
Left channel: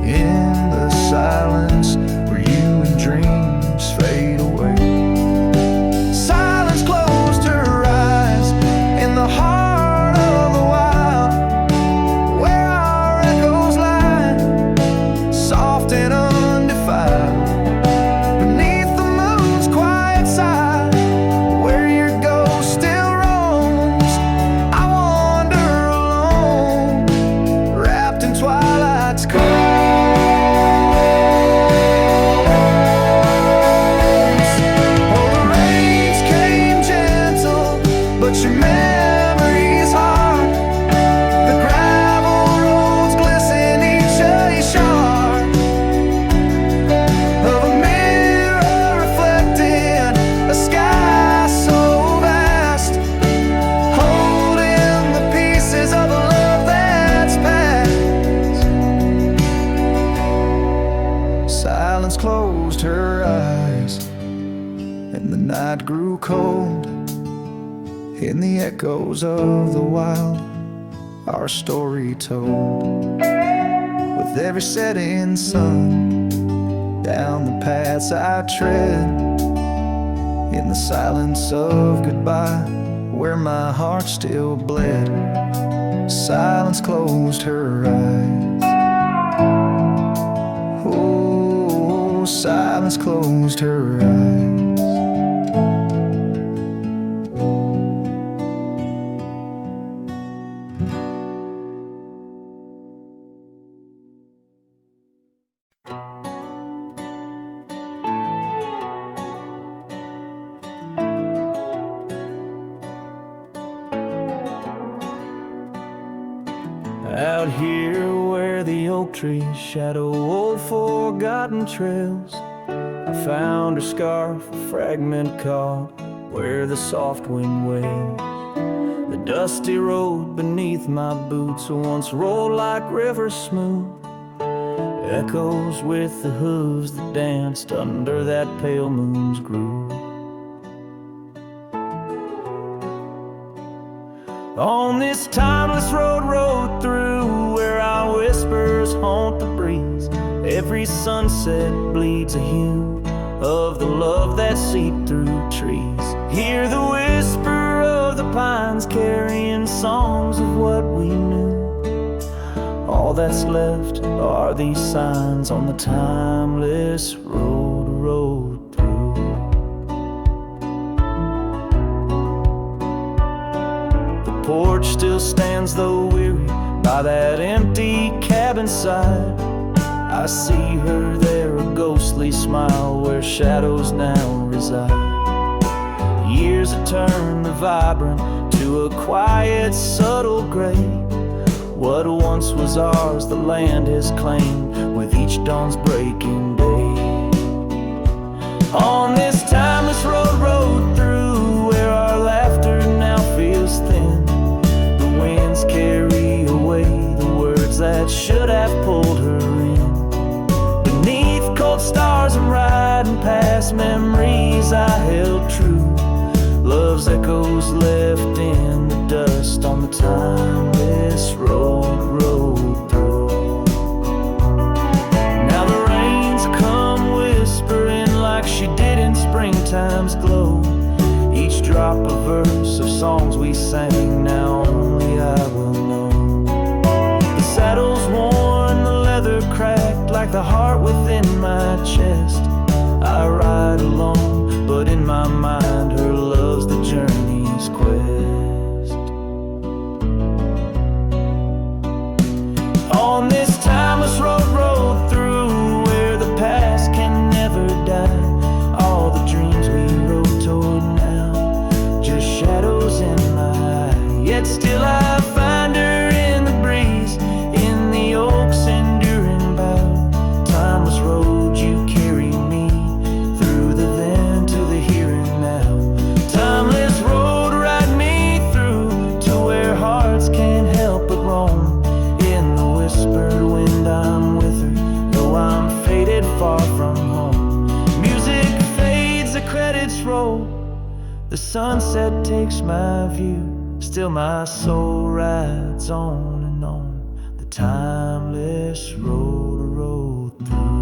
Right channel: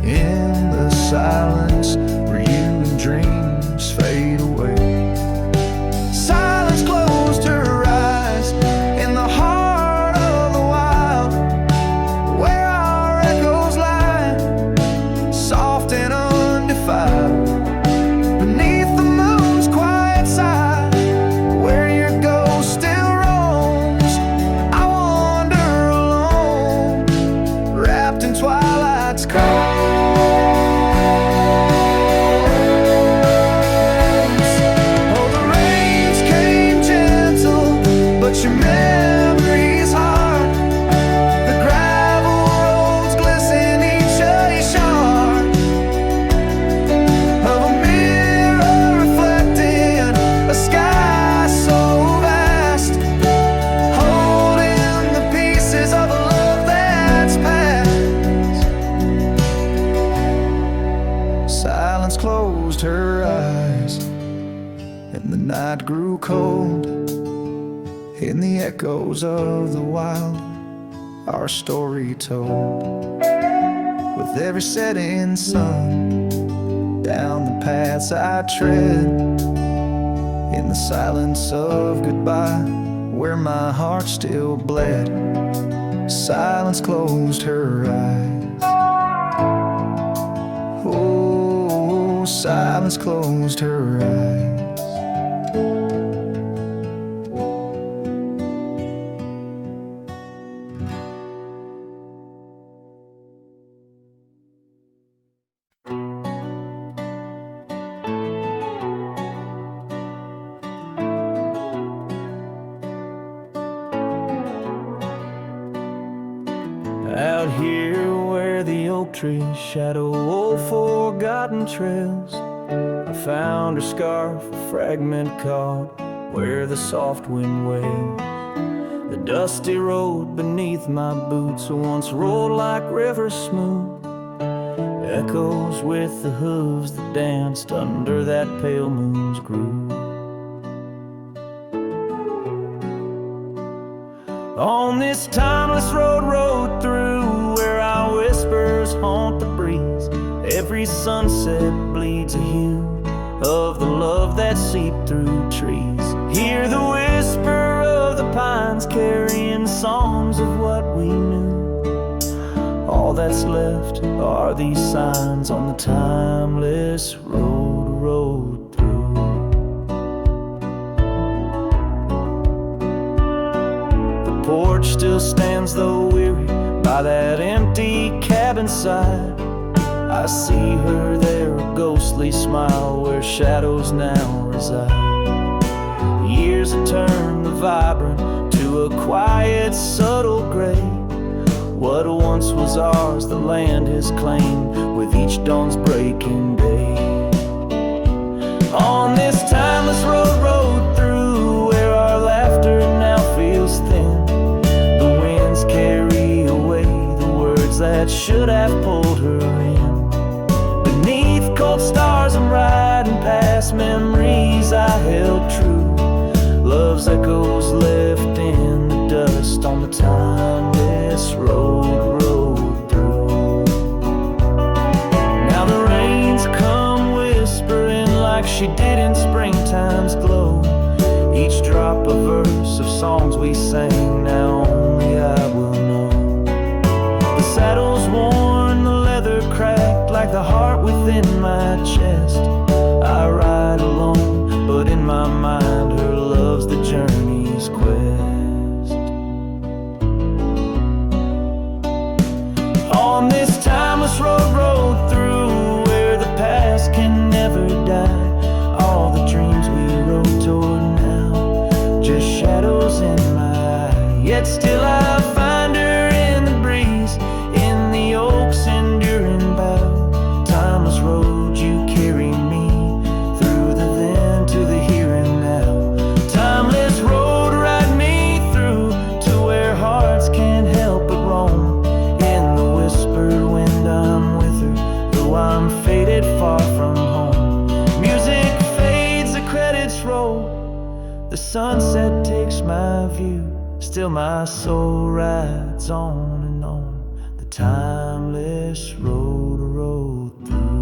in the silence where you and dreams fade away. Silence closed her eyes in the heart of the wild, where our echoes lie, soft and undefiled, beneath the moon's quiet side, where your ghost still roams. I wander alone, wrapped in twilight's calm. But your memory's hard. The gravel roads glisten, each a shard of a mirror reflecting a sky so vast, holding the pieces of a love that's past. Silence closed her eyes, and the night grew cold. In the echoes of the wild, our story told. With every setting sun, down the paths I tread, in the silence of goodbye, where my heart still bled. Silence closed her eyes. Oh, silence closed her eyes. Out here where the oak trees shadow old forgotten trails, I found her scarf, a fragment caught where the soft wind wails. The dusty road beneath my boots once rolled like rivers smooth, echoes with the hooves that danced under that pale moon's groove. On this timeless road rode through, where our whispers haunt the breeze, every sunset bleeds a hue of the love that seeped through trees. Hear the whisper of the pines carrying songs of what we knew. All that's left are these signs on the timeless road rode through. porch still stands though weary by that empty cabin side. I see her there, a ghostly smile where shadows now reside. Years have turned the vibrant to a quiet, subtle gray. What once was ours, the land has claimed with each dawn's breaking day. On this timeless road through, where our laughter now feels thin, the winds carry away the words that should have pulled her in. Beneath cold stars I'm riding past memories I held true. Love's echoes left in the dust on the timeless road through. Now the rains come whispering like she did in springtime's glow. Each drop a verse of songs we sang, now only I will know. The saddle's worn, the leather cracked, like the heart within my chest. I ride alone, but in my mind her love's the journey's quest. On this timeless road through, where the past can never die, all the dreams we rode toward now, just shadows in my eye. Yet still I find her in the breeze, in the oak's enduring bough. Timeless road, you carry me through the then to the here and now. Timeless road, ride me through to where hearts can't help but roam. In the whispered wind I'm with her, though I'm faded far from home. Music fades, the credits roll, the sunset takes my view. Still my soul rides on and on, the timeless road through.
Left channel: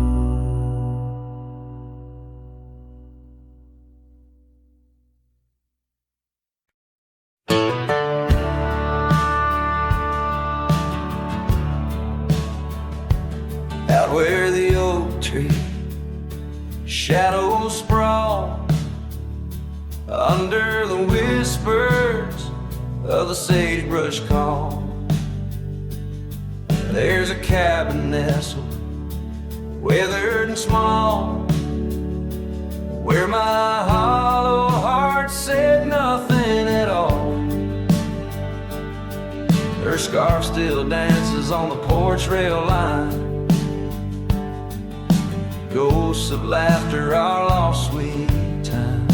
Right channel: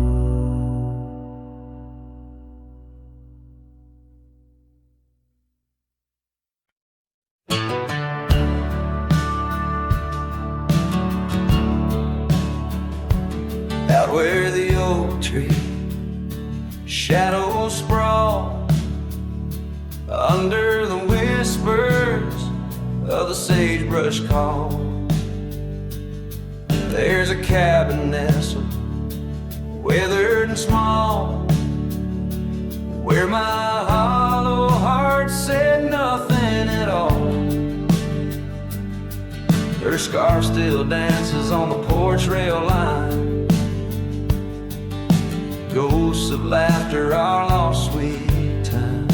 Out where the oak tree shadows sprawl, under the whispers of the sagebrush call, there's a cabin nestled, weathered and small, where my hollow heart said nothing at all. Her scarf still dances on the porch rail line, ghosts of laughter, our lost sweet time.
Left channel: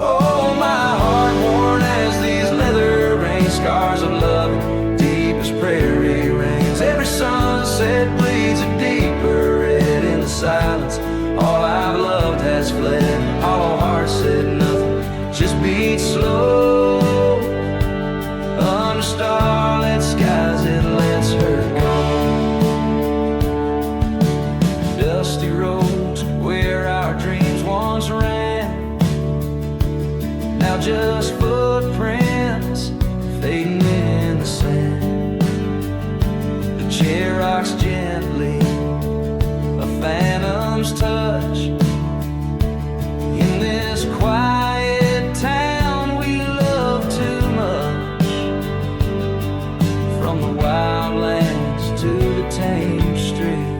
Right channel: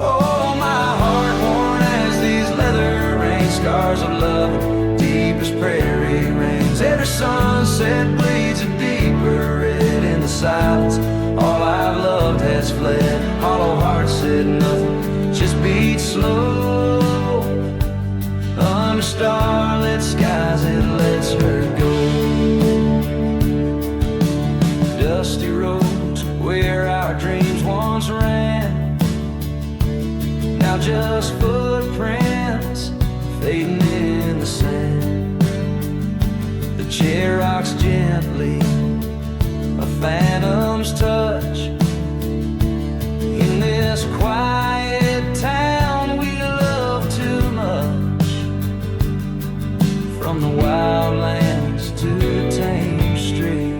Oh, my heart worn as these leather rain scars of loving, deep as prairie rains. Every sunset bleeds a deeper red in the silence. All I've loved has fled. Hollow heart said nothing, just beat slow. Under starlit skies it lets her go. Dusty roads where our dreams once ran, now just footprints fading in the sand. The chair rocks gently, a phantom's touch. In this quiet town we love too much, from the wildlands to the tame streets.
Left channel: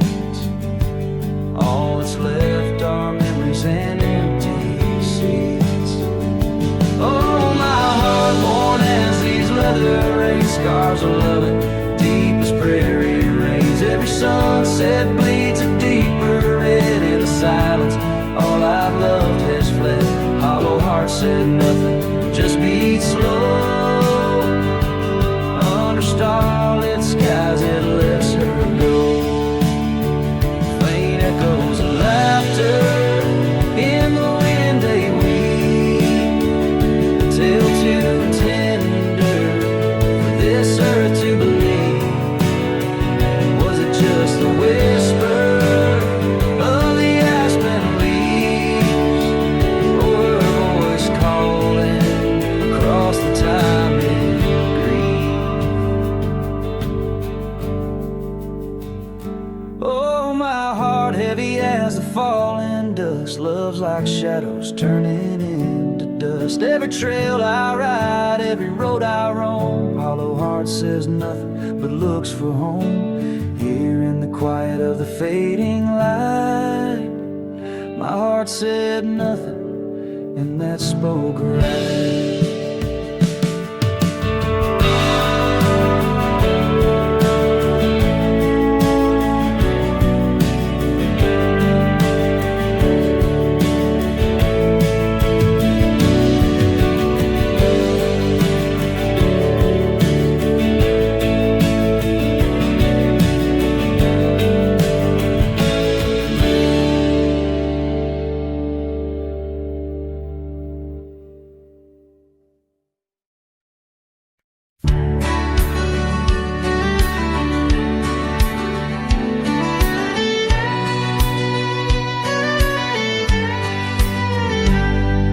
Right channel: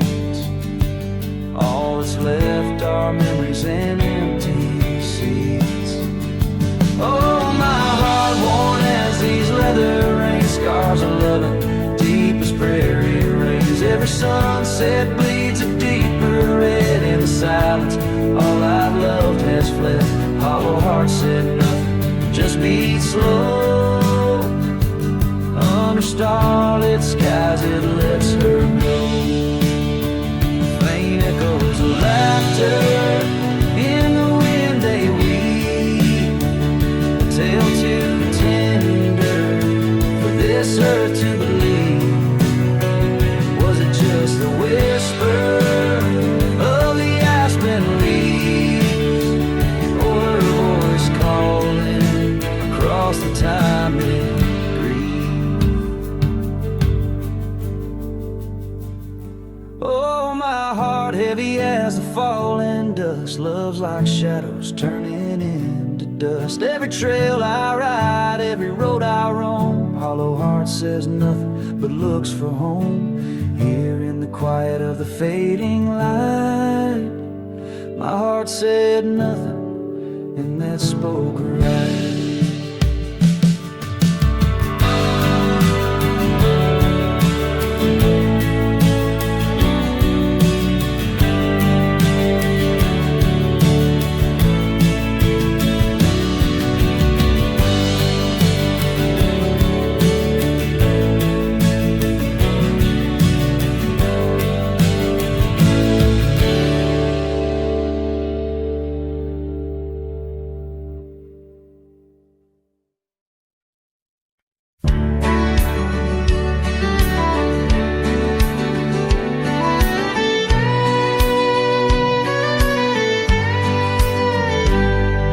All that's left are memories and empty seats. Oh, my heart worn as these leather rain scars of loving, deep as prairie rains. Every sunset bleeds a deeper red in the silence. All I've loved has fled. Hollow heart said nothing, just beat slow. Under starlit skies it lets her go. Faint echoes of laughter in the wind they weave, a tale too tender for this earth to believe. Was it just the whisper of the aspen leaves, or her voice calling across the time it grieved? Oh, my heart heavy as the falling dusk. Love's like shadows turning into dust. Every trail I ride, every road I roam, hollow heart says nothing but looks for home. Here in the quiet of the fading light, my heart said nothing, and that spoke right.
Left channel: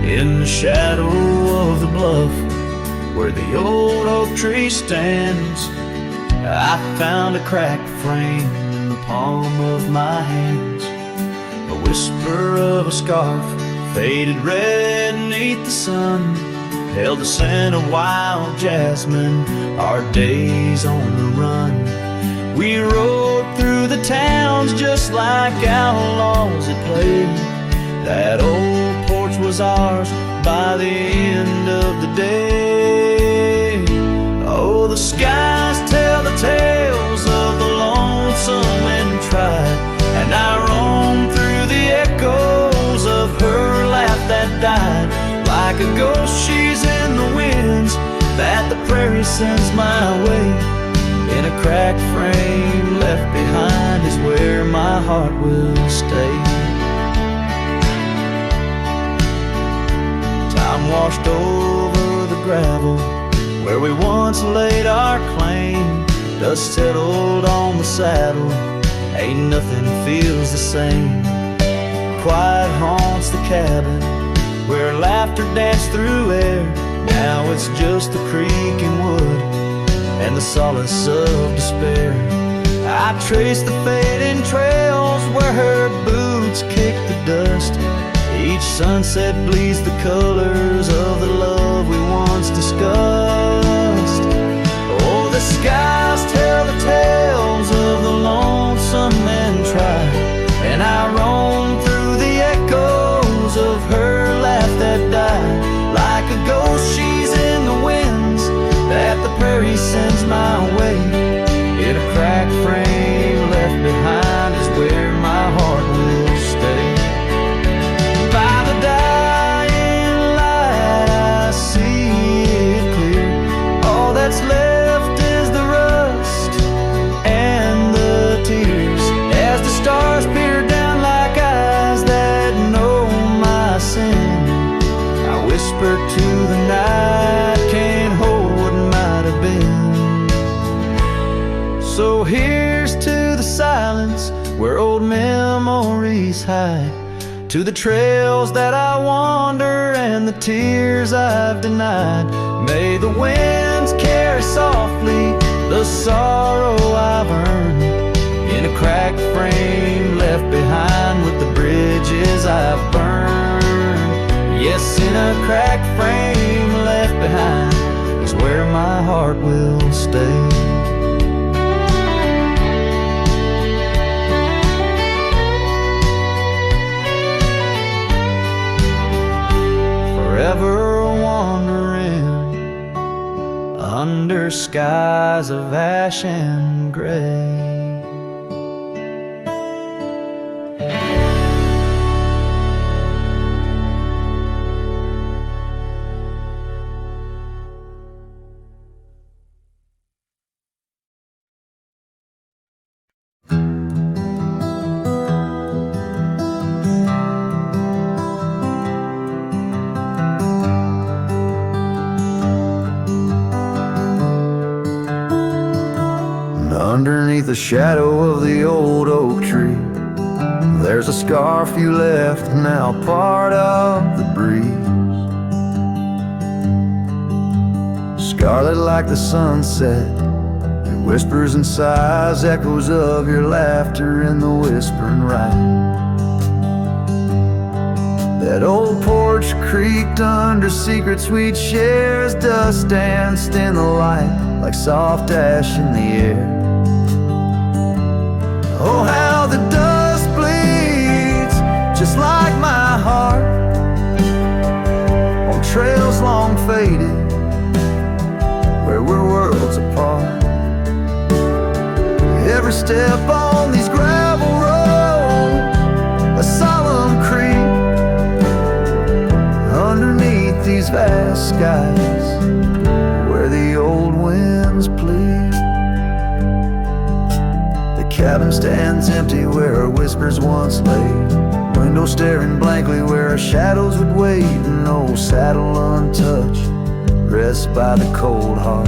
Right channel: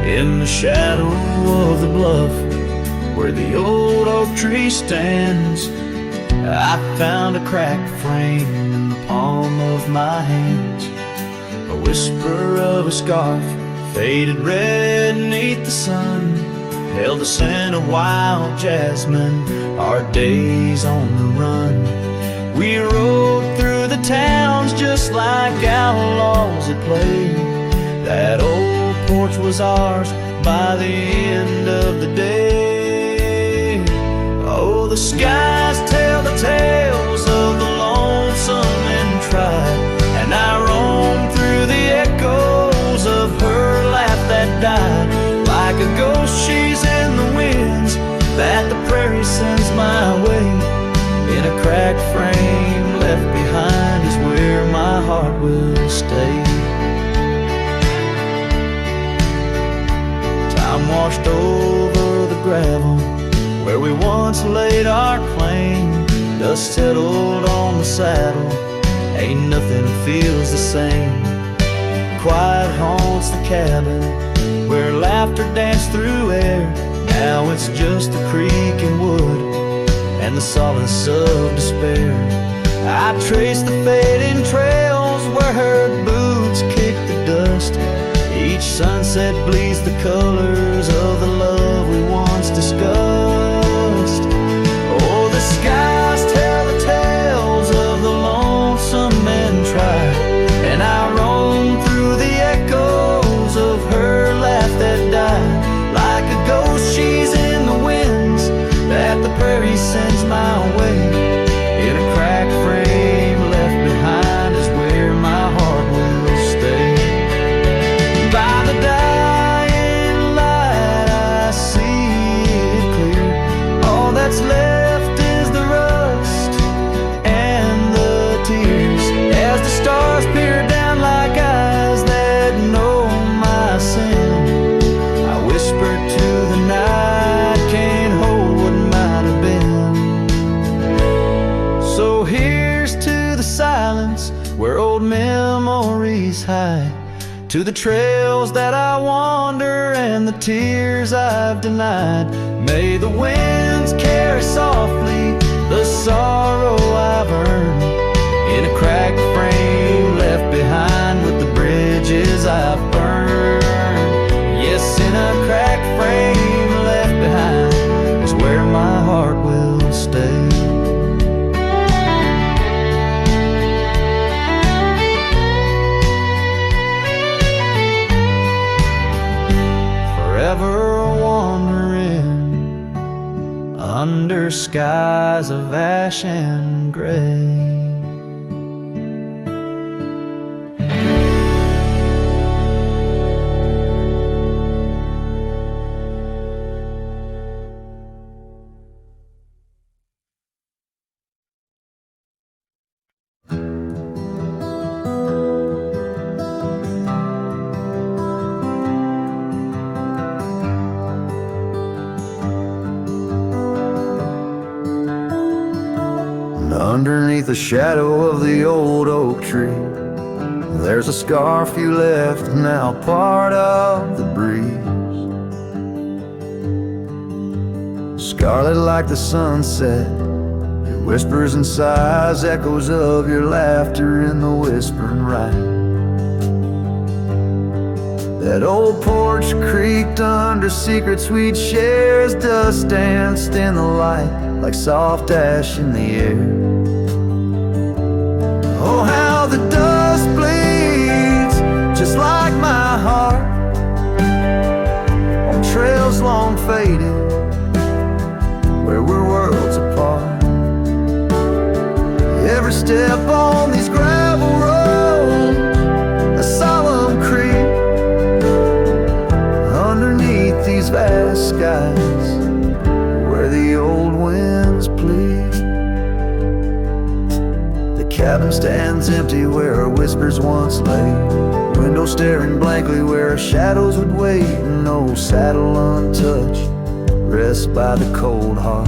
In the shadow of the bluff, where the old oak tree stands, I found a cracked frame in the palm of my hands. A whisper of a scarf, faded red beneath the sun, held the scent of wild jasmine, our days on the run. We rode through the towns just like outlaws at play. That old porch was ours by the end of the day. Oh, the skies tell the tales of the lonesome and tried, and I roam through the echoes of her laugh that died. Like a ghost she's in the winds that the prairie sends my way. In a cracked frame left behind is where my heart will stay. Time washed over the gravel where we once laid our claim. Dust settled on the saddle, ain't nothing feels the same. Quiet haunts the cabin where laughter danced through air. Now it's just the creek and wood and the solace of despair. I trace the fading trails where her boots kick the dust. Each sunset bleeds the colors of the love we once discussed. Oh, the skies tell the tales of the lonesome and tried, and I roam through the echoes of her laugh that died. Like a ghost she's in the winds that the prairie sends my way. In a cracked frame left behind is where my heart will stay. By the dying light I see it clear. All that's left is the rust and the tears, as the stars peer down like eyes that know my sin. I whisper to the night, can't hold what might have been. So here's to the silence where old memories hide, to the trails that I wander and the tears I've denied. May the winds carry softly the sorrow I've earned. In a cracked frame left behind with the bridges I've burned. Yes, in a cracked frame left behind is where my heart will stay. Forever wandering under skies of ash and gray. Underneath the shadow of the old oak tree, there's a scarf you left, now part of the breeze. Scarlet like the sunset, it Whispers and sighs, echoes of your laughter in the whispering rain. That old porch creaked under secrets we'd share as dust danced in the light like soft ash in the air. Oh, how the dust bleeds just like my heart on trails long faded where we're worlds apart. Every step on these gravel roads, a solemn creep underneath these vast skies where the old winds plead. The cabin stands empty where our whispers once lay, window staring blankly where our shadows would wait. An old saddle untouched rests by the cold heart.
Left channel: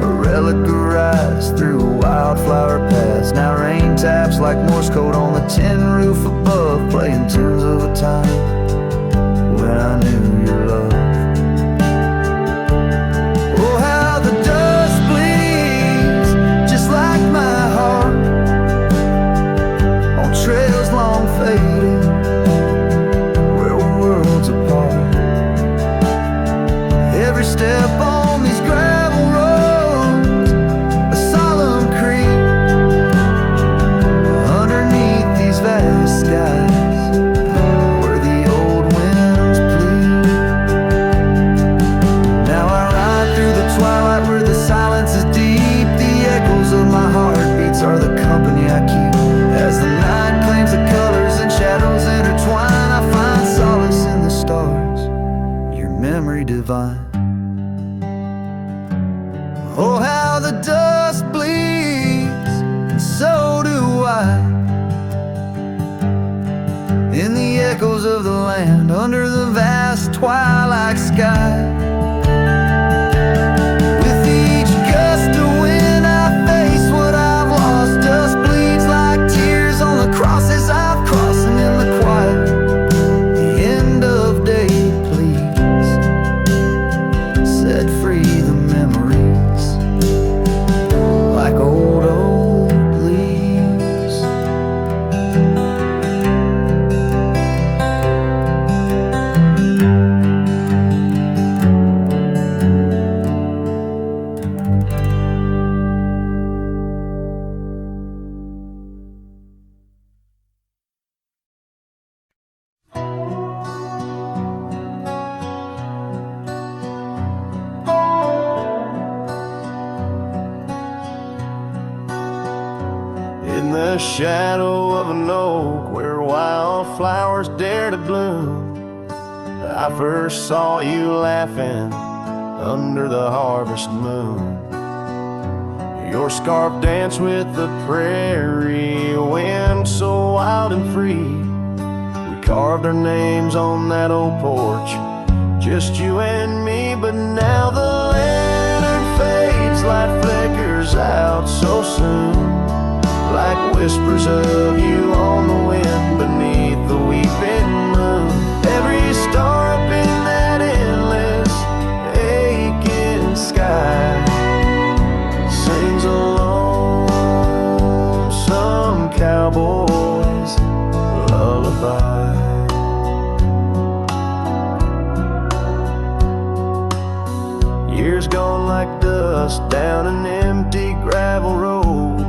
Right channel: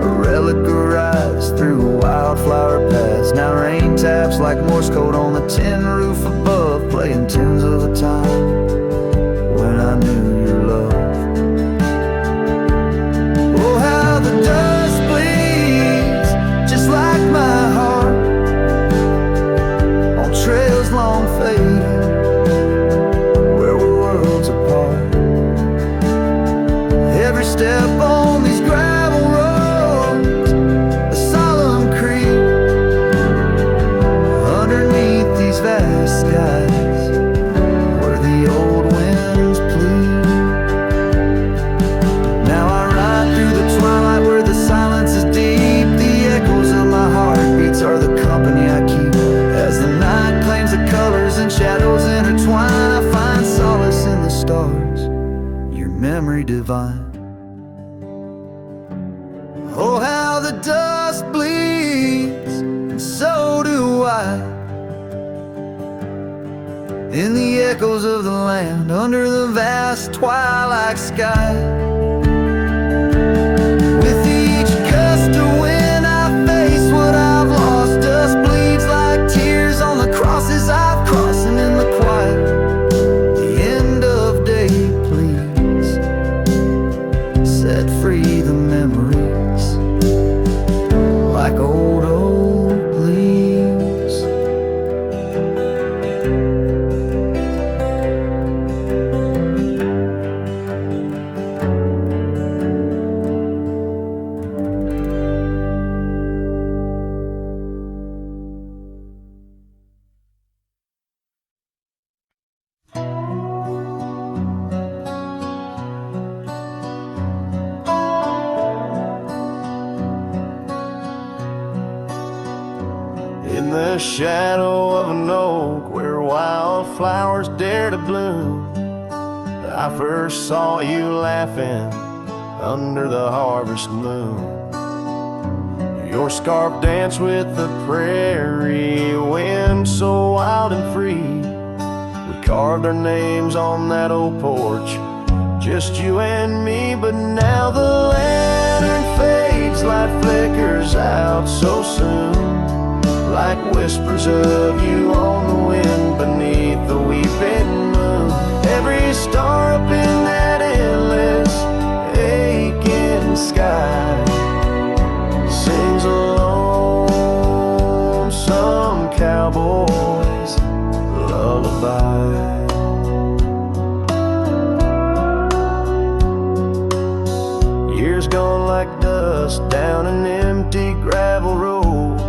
Relic arrives through wildflower paths. Now rain taps like Morse code on the tin roof above, playing tunes of a time when I knew your love. Oh, how the dust bleeds just like my heart on trails long faded where we're worlds apart. Every step on these gravel roads, creep underneath these vast skies where the old winds plead. Now I ride through the twilight where the silence is deep. The echoes of my heartbeats are the company I keep. As the night claims the colors and shadows intertwine, I find solace in the stars, your memory divine. Oh, how the dust bleeds, and so do I, in the echoes of the land under the vast twilight sky. With each gust of wind I face what I've lost. Dust bleeds like tears on the crosses I've crossed. And in the quiet, the end of day, please set free the memories like old leaves. In the shadow of an oak where wildflowers dare to bloom, I first saw you laughing under the harvest moon. Your scarf danced with the prairie wind so wild and free. We carved our names on that old porch, just you and me. But now the lantern fades, light flickers out so soon, like whispers of you on the wind beneath the weeping moon. Every star up in that endless aching sky sings a lonesome cowboy's lullaby. Years gone like dust down an empty gravel road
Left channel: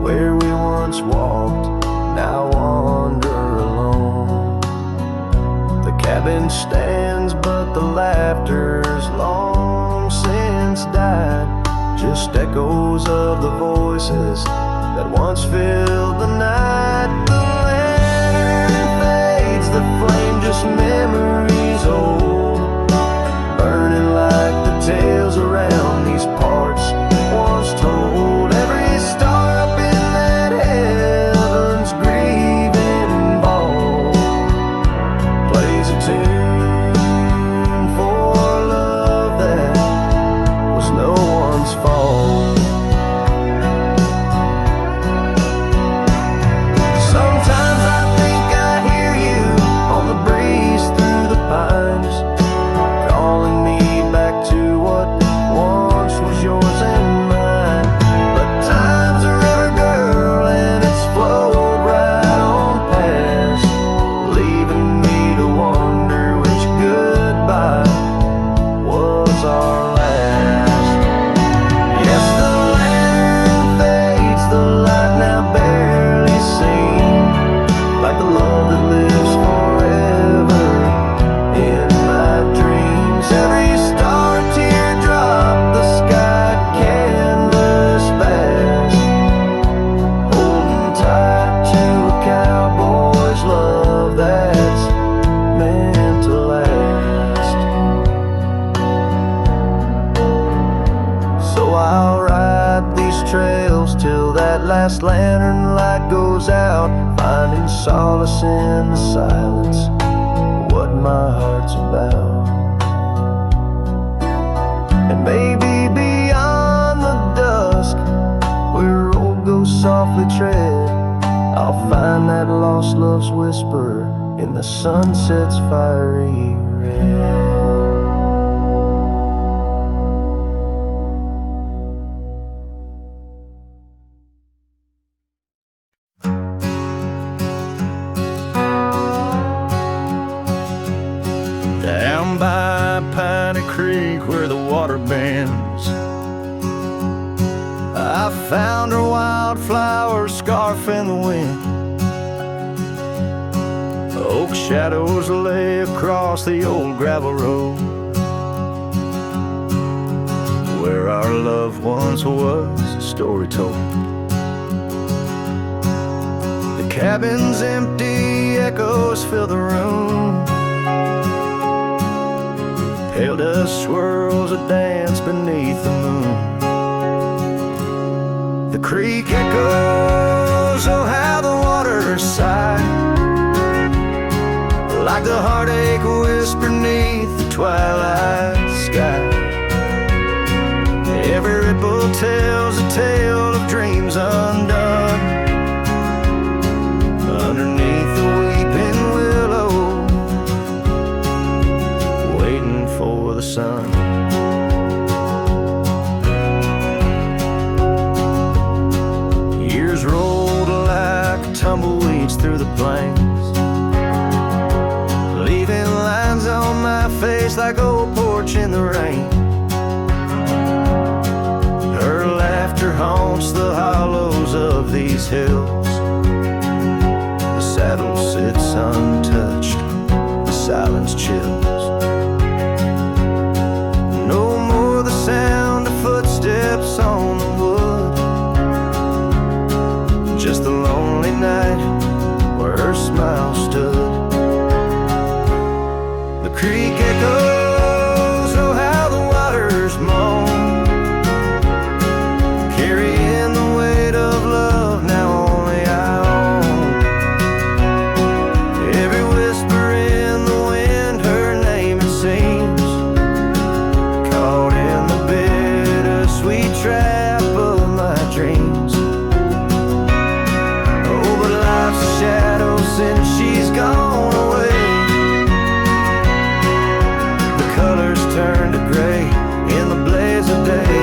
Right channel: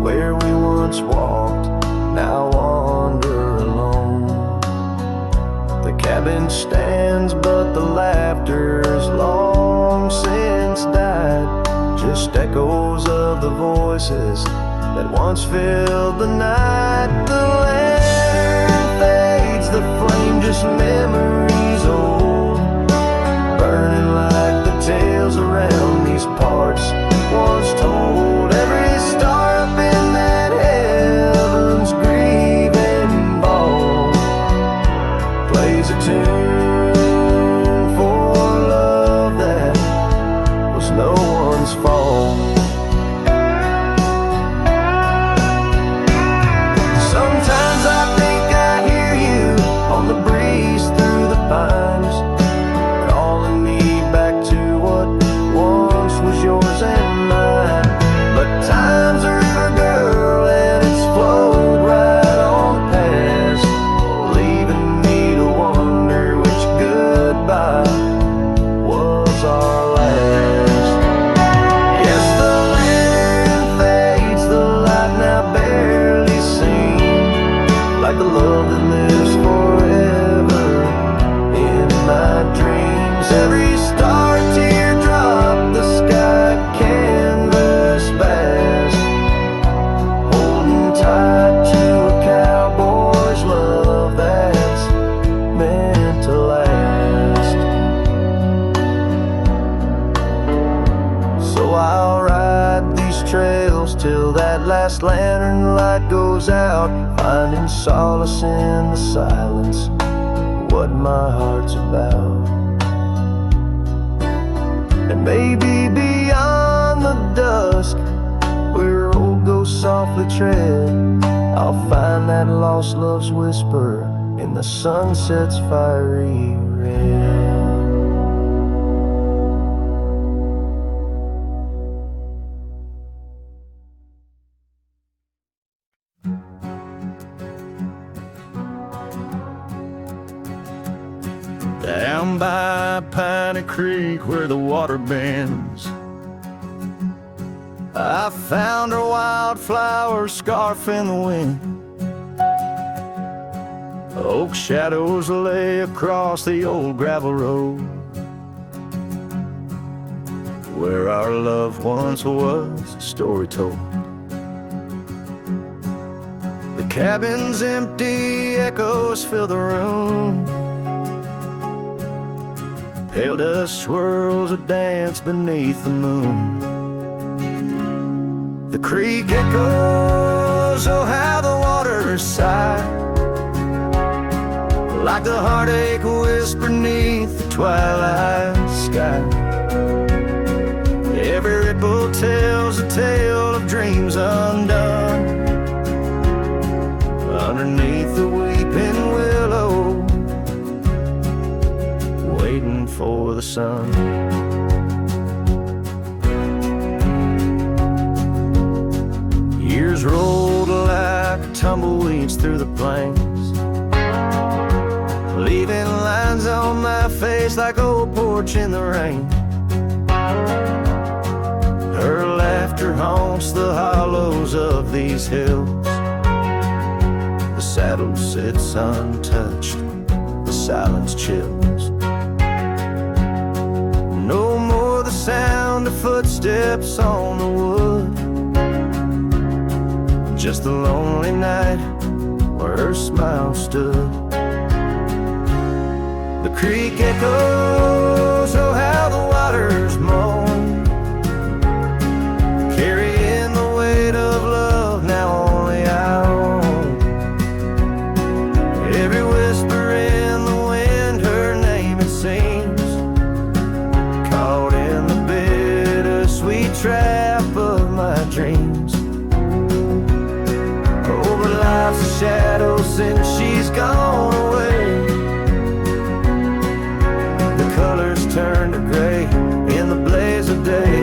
where we once walked, now wander alone. The cabin stands, but the laughter's long since died, just echoes of the voices that once filled the night. The lantern fades, the flame just memories old, burning like the tales around these parts once told. Every star up in that heaven's grieving ball plays a tune for love that was no one's fault. Sometimes I think I hear you on the breeze through the pines, calling me back to what like the love that lives forever in my dreams. Every star, teardrop, the sky canvas vast, holding tight to a cowboy's love that's meant to last. So I'll ride these trails till that last lantern light goes out, finding solace in the silence, what my heart's about. And maybe beyond the dusk, where road goes softly tread, I'll find that lost love's whisper in the sunset's fiery red. Down by Piney Creek where the water bends, I found her wildflower scarf in the wind. Oak shadows lay across the old gravel road where our love once was a story told. The cabin's empty, echoes fill the room. Pale dust swirls a dance beneath the moon. The creek echoes, oh how the water sigh, like the heartache whisper neath the twilight sky. Every ripple tells a tale of dreams undone, underneath the weeping willow, waiting for the sun. Years rolled like tumbleweeds through the plains, leaving lines on my face like old porch in the rain. Her laughter haunts the hollows of these hills. The saddle sits untouched, the silence chills. No more the sound of footsteps on the wood, just the lonely night where her smile stood. The creek echoes, oh how the waters moan, carrying the weight of love now only I own. Every whisper in the wind, her name it seems, caught in the bittersweet trap of my dreams. Oh, but life's a shadow since she's gone away. The colors turn to gray in the blaze of day.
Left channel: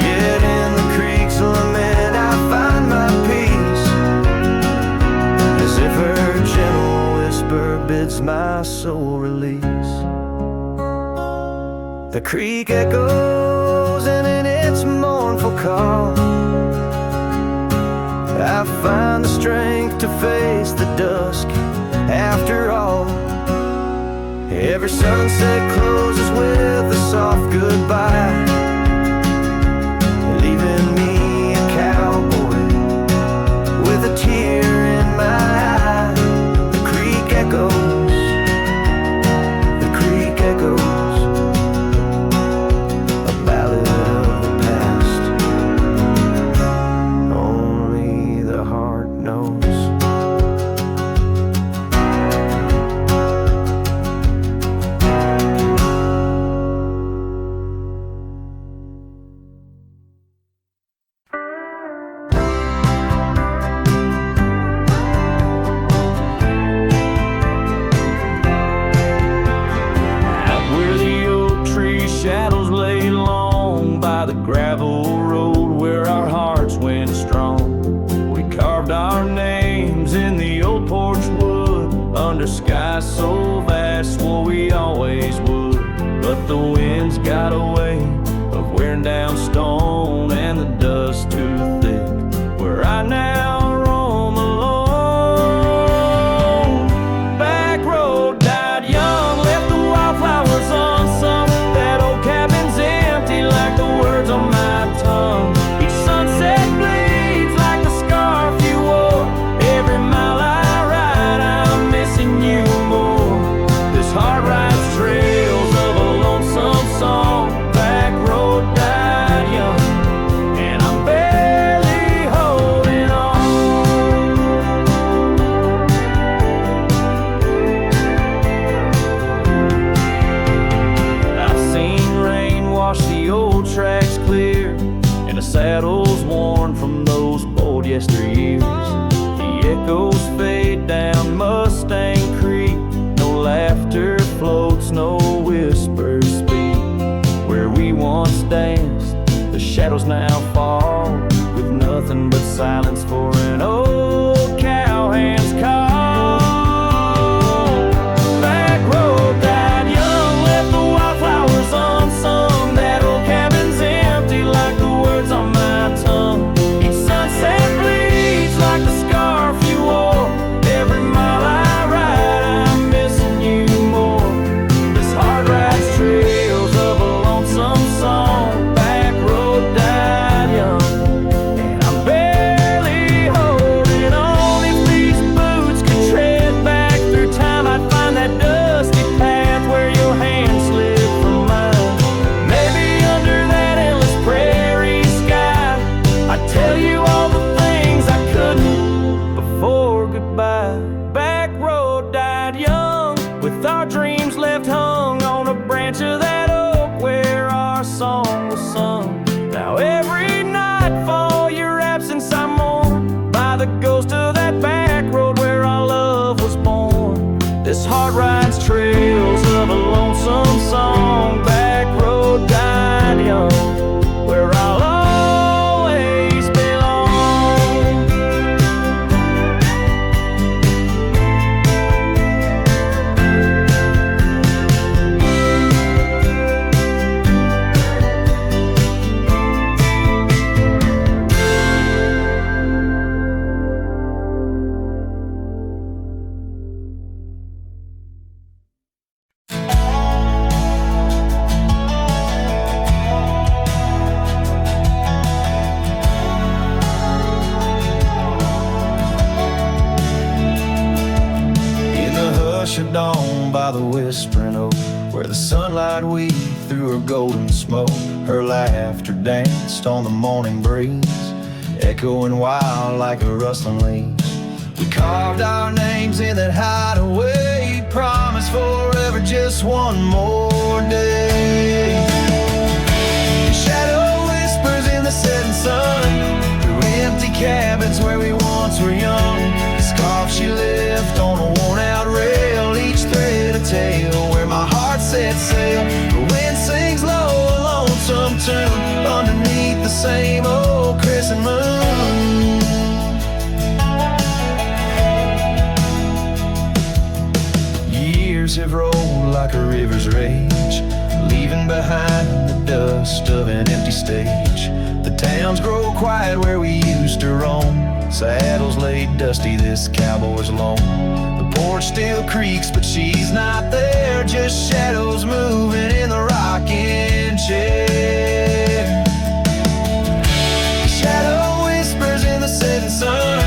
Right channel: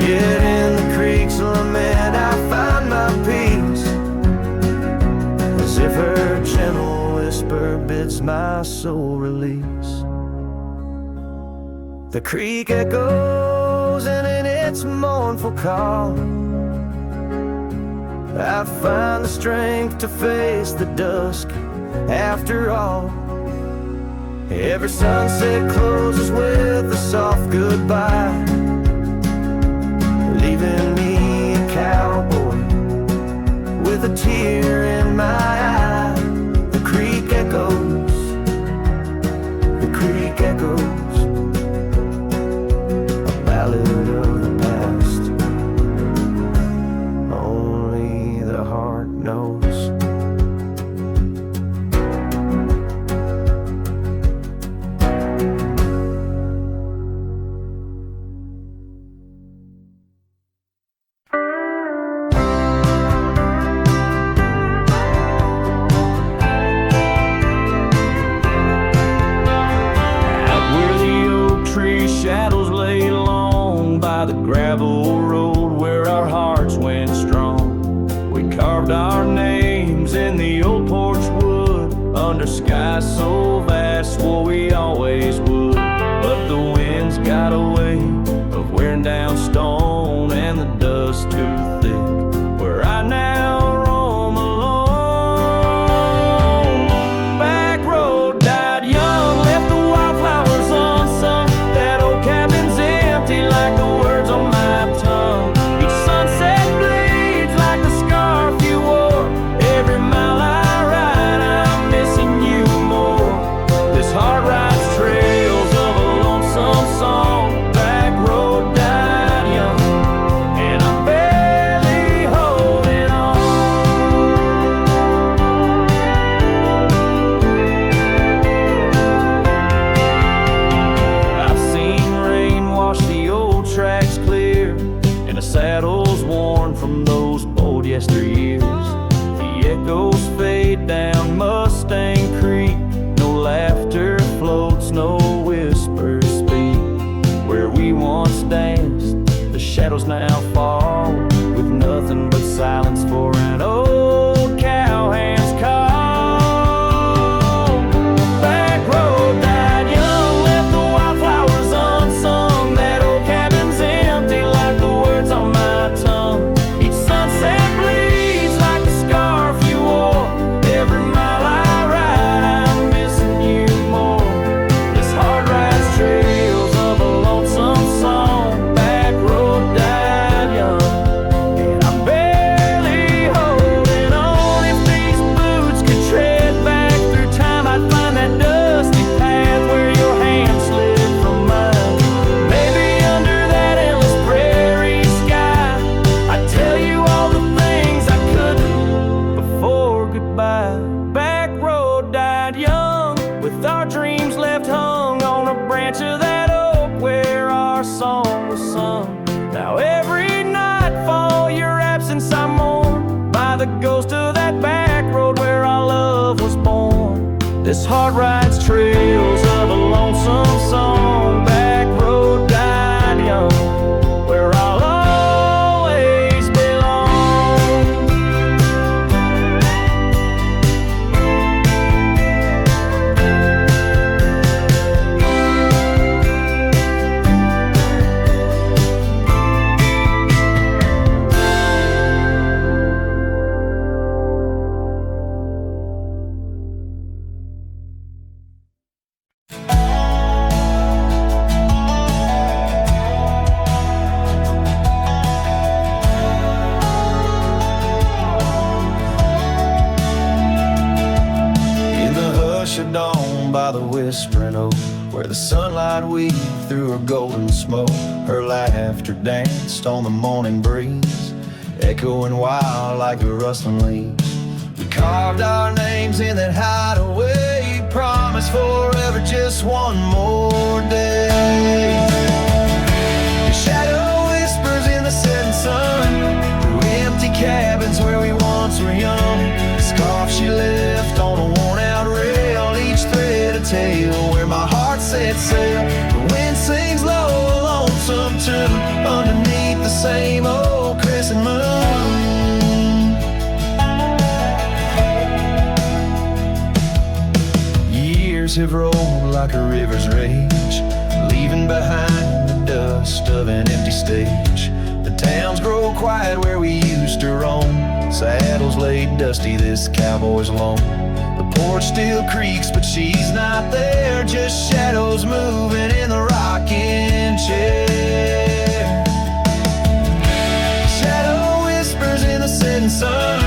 Yet in the creek's lament I find my peace, as if her gentle whisper bids my soul release. The creek echoes, and in its mournful call I find the strength to face the dusk after all. Every sunset closes with a soft goodbye, leaving me a cowboy with a tear in my eye. The creek echoes, the creek echoes, a ballad of the past, only the heart knows. Shadows lay long by the gravel road where our hearts went strong. We carved our names in the old porch wood under skies so vast, swore we always would. But the winds got a way of wearing down stone and the dust too thick. Where I now roam yesteryears. The echoes fade down Mustang Creek. No laughter floats, no whispers speak. Where we once danced, the shadows now fall, with nothing but silence for an old cowhand's call. Back road died young, left the wildflowers unsung. That old cabin's empty like the words on my tongue. Each sunset bleeds like the scarf you wore. Every mile I ride, I'm missing you more. This heart rides trails of a lonesome song. Back road died young, and I'm barely holding on. If these boots could tread back through time, I'd find that dusty path where your hand slipped from mine. Maybe under that endless prairie sky, I'd tell you all the things I couldn't before goodbye. Back road died young, with our dreams left hung on a branch of that oak where our song was sung. Now every nightfall, your absence I mourn, by the ghost of that back road where our love was born. This heart rides trails of a lonesome song. Back road died young, where I'll always belong. In the hush of dawn by the whispering oak, where the sunlight weaved through her golden smoke, her laughter danced on the morning breeze, echoing wild like a rustling leaves. We carved our names in that hideaway, promised forever just one more day. Your shadow whispers in the setting sun, through empty cabins where we once were young. The scarf she left on a worn-out rail, each thread a tale where my heart set sail. The wind sings low, a lonesome tune, underneath the same old crescent moon. Years have rolled like a river's rage, leaving behind the dust of an empty stage. The towns grow quiet where we used to roam, saddles laid dusty, this cowboy's alone. The porch still creaks, but she's not there, just shadows moving in the rocking chair. The shadow whispers in the setting sun,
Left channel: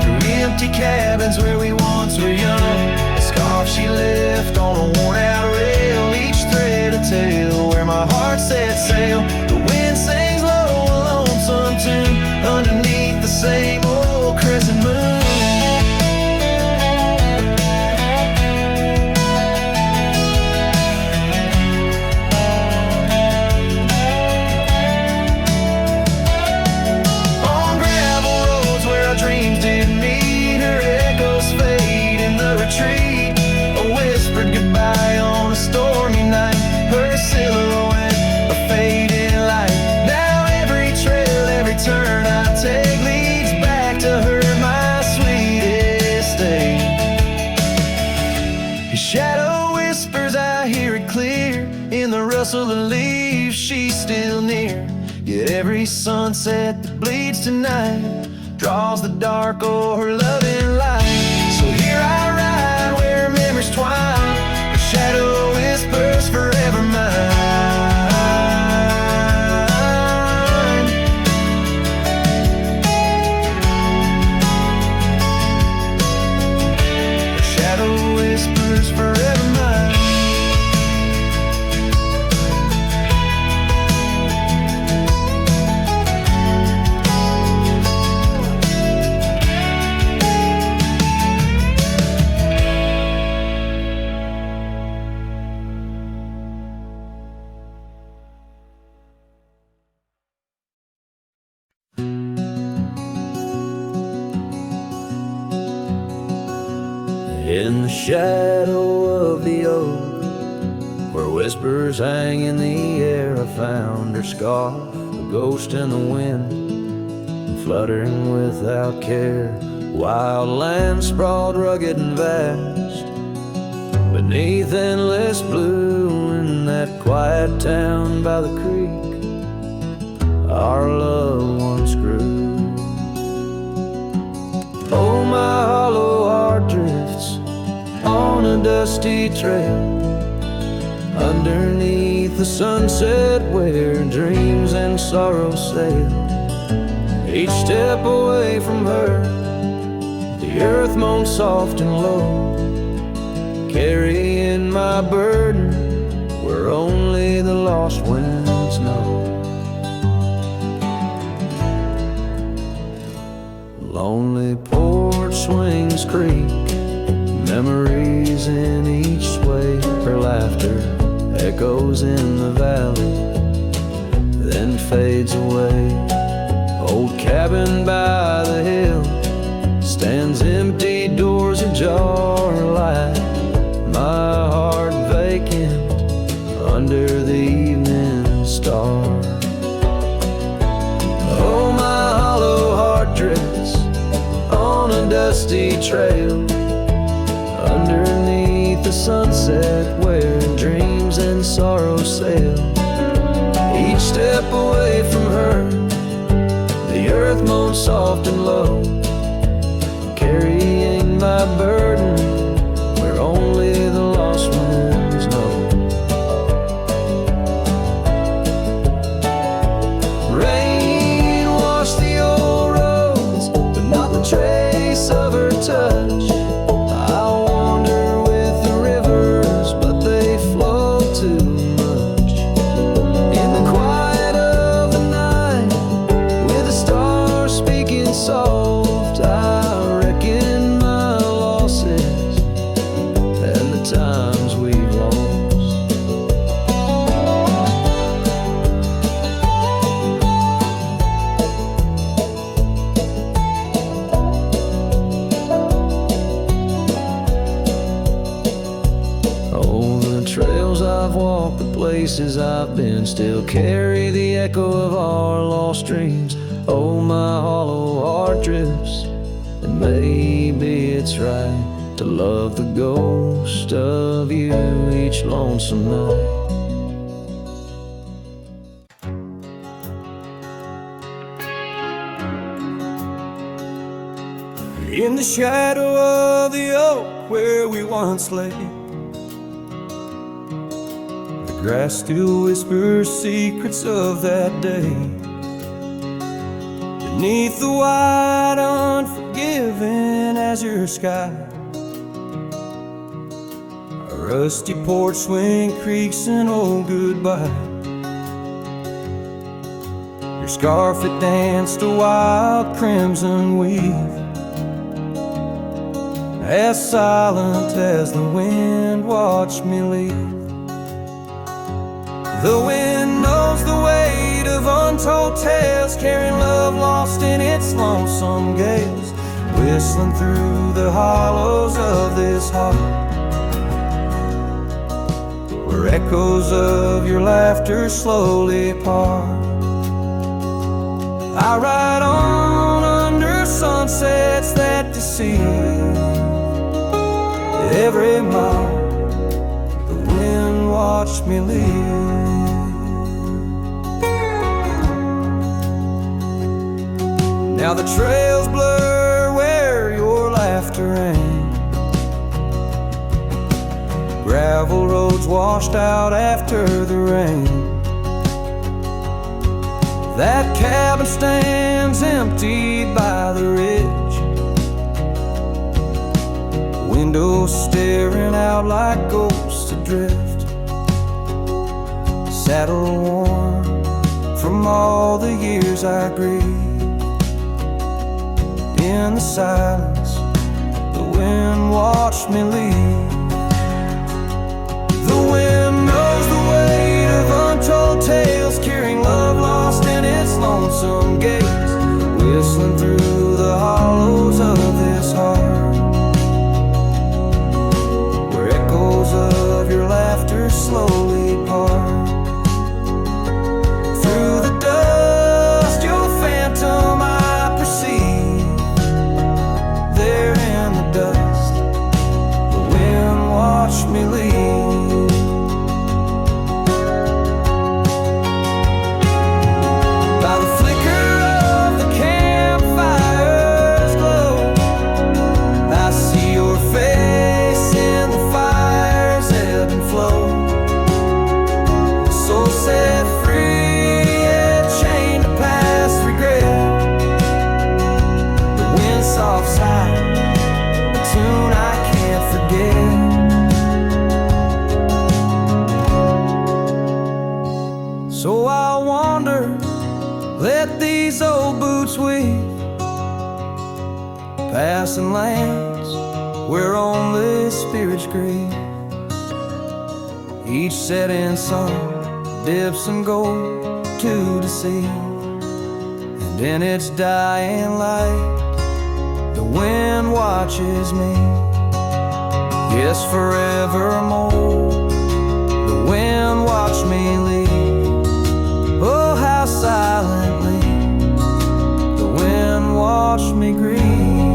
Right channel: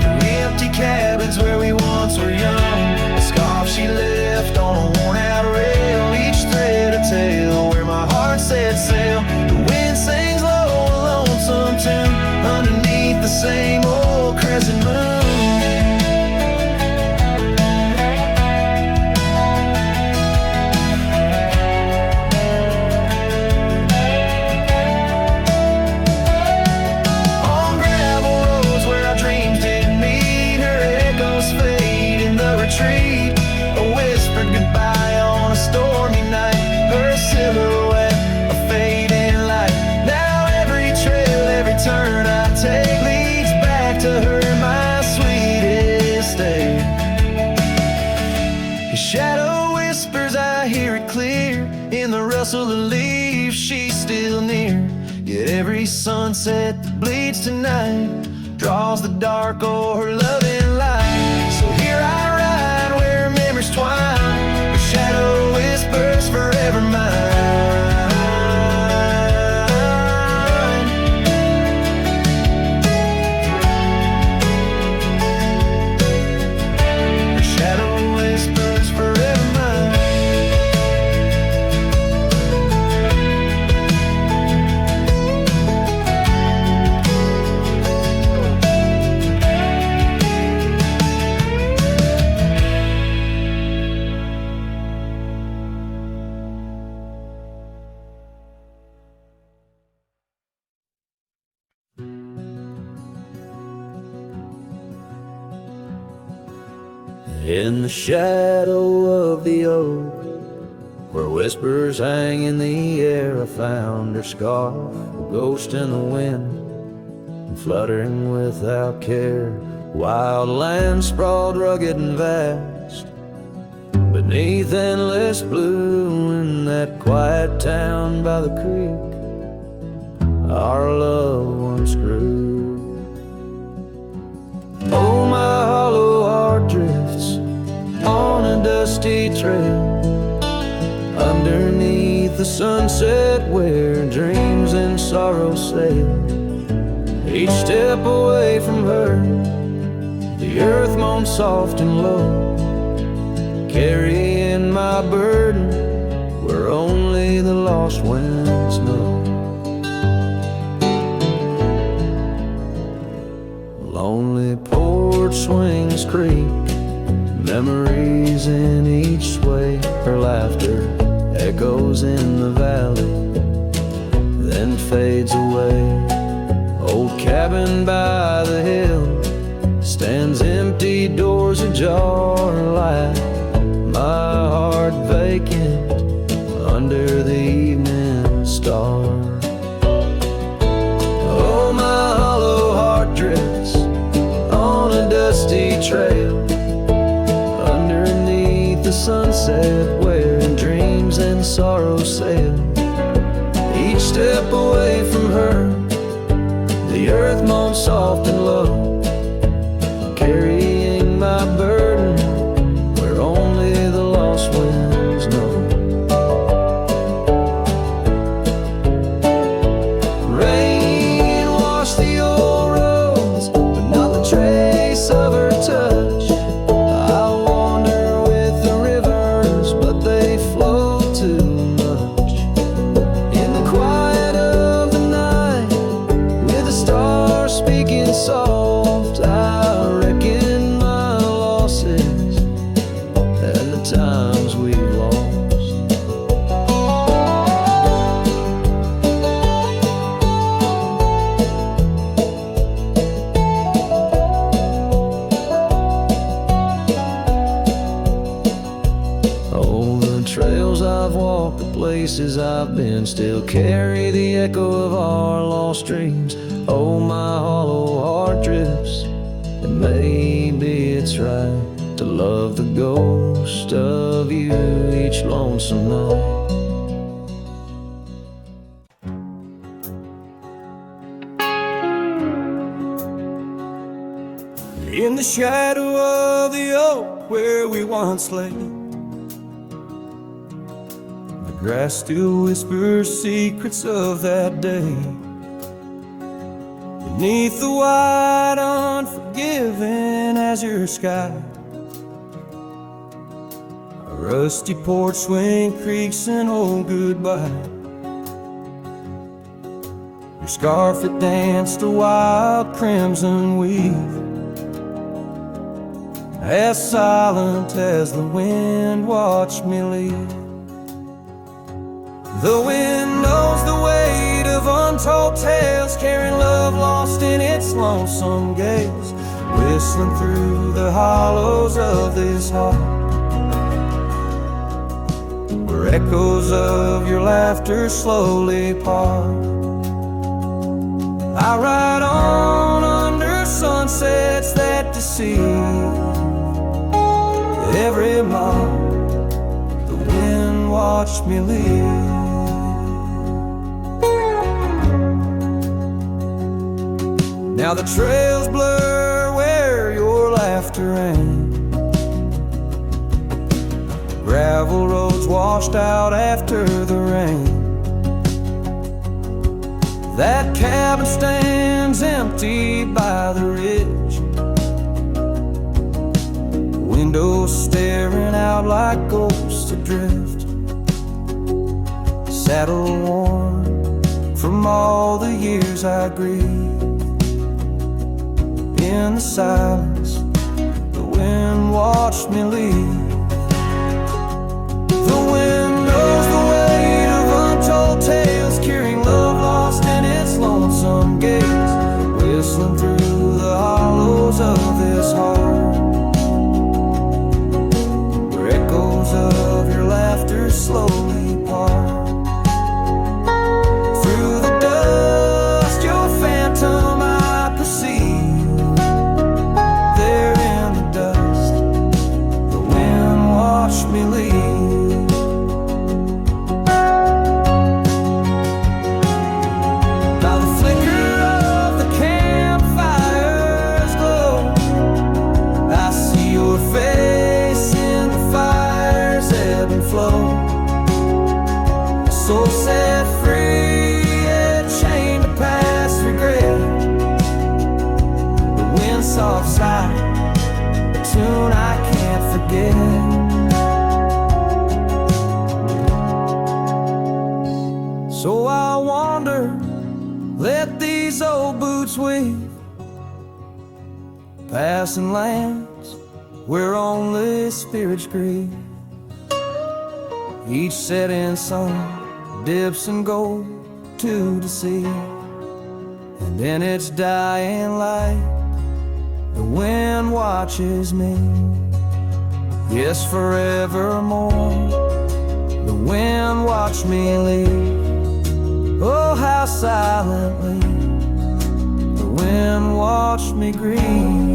through empty cabins where we once were young. The scarf she left on a worn-out rail, each thread a tale where my heart set sail. The wind sings low, a lonesome tune, underneath the same old crescent moon. On gravel roads where our dreams didn't meet, her echoes fade in the retreat. A whispered goodbye on a stormy night, her silhouette a fading light. Now every trail, every turn I take leads back to her, my sweetest day. His shadow whispers, I hear it clear, in the rustle of leaves, she's still near. Yet every sunset that bleeds tonight draws the dark o'er her loving light. So here I ride where memories twine, her shadow whispers forever mine. Her shadow whispers forever mine. In the shadow of the oak, where whispers hang in the air, I found her scarf, a ghost in the wind, fluttering without care. Wild land sprawled rugged and vast, beneath endless blue. In that quiet town by the creek, our love once grew. Oh, my hollow heart drifts on a dusty trail, underneath the sunset where dreams and sorrow sail. Each step away from her, the earth moans soft and low, carrying my burden where only the lost winds know. Lonely porch swings creak, memories in each sway. Her laughter echoes in the valley, then fades away. Old cabin by the hill stands empty, doors ajar, light my heart vacant under the evening star. Oh, my hollow heart drifts on a dusty trail, underneath the sunset where dreams and sorrow sail. Each step away from her, the earth moans soft and low, carrying my burden where only the lost winds know. Rain washed the old roads, but not the trace of her touch. I wander with the rivers, but they flow too much. In the quiet of the night, with the stars speaking soft, I reckon my losses and the times we've lost. Oh, the trails I've walked, the places I've been, still carry the echo of our lost dreams. Oh, my hollow heart drifts, and maybe it's right to love the ghost of you each lonesome night. In the shadow of the oak where we once lay, the grass still whispers secrets of that day. Beneath the wide, unforgiving azure sky, a rusty porch swing creaks an old goodbye. Your scarf, it danced a wild crimson weave, as silent as the wind watched me leave. The wind knows the weight of untold tales, carrying love lost in its lonesome gales, whistling through the hollows of this heart, where echoes of your laughter slowly part. I ride on under sunsets that deceive. Every mile the wind watched me leave. Now the trails blur where your laughter rang, gravel roads washed out after the rain. That cabin stands empty by the ridge, windows staring out like ghosts adrift, saddle worn from all the years I grieved. In the silence, the wind watched me leave. The wind knows the weight of untold tales, carrying love lost in its lonesome gates, whistling through the hollows of this heart, slowly part. Through the dust, your phantom I perceive. There in the dust, the wind watched me leave. By the flicker of the campfire's glow, I see your face in the fire's ebb and flow. A soul set free, yet chained to past regret. The wind's soft sigh, a tune I can't forget. So I'll wander, let these old boots weave, passing lands where only spirits grieve. Each setting sun dips in gold to deceive, and in its dying light the wind watches me. Yes, forevermore the wind watched me leave. Oh, how silently the wind watched me grieve.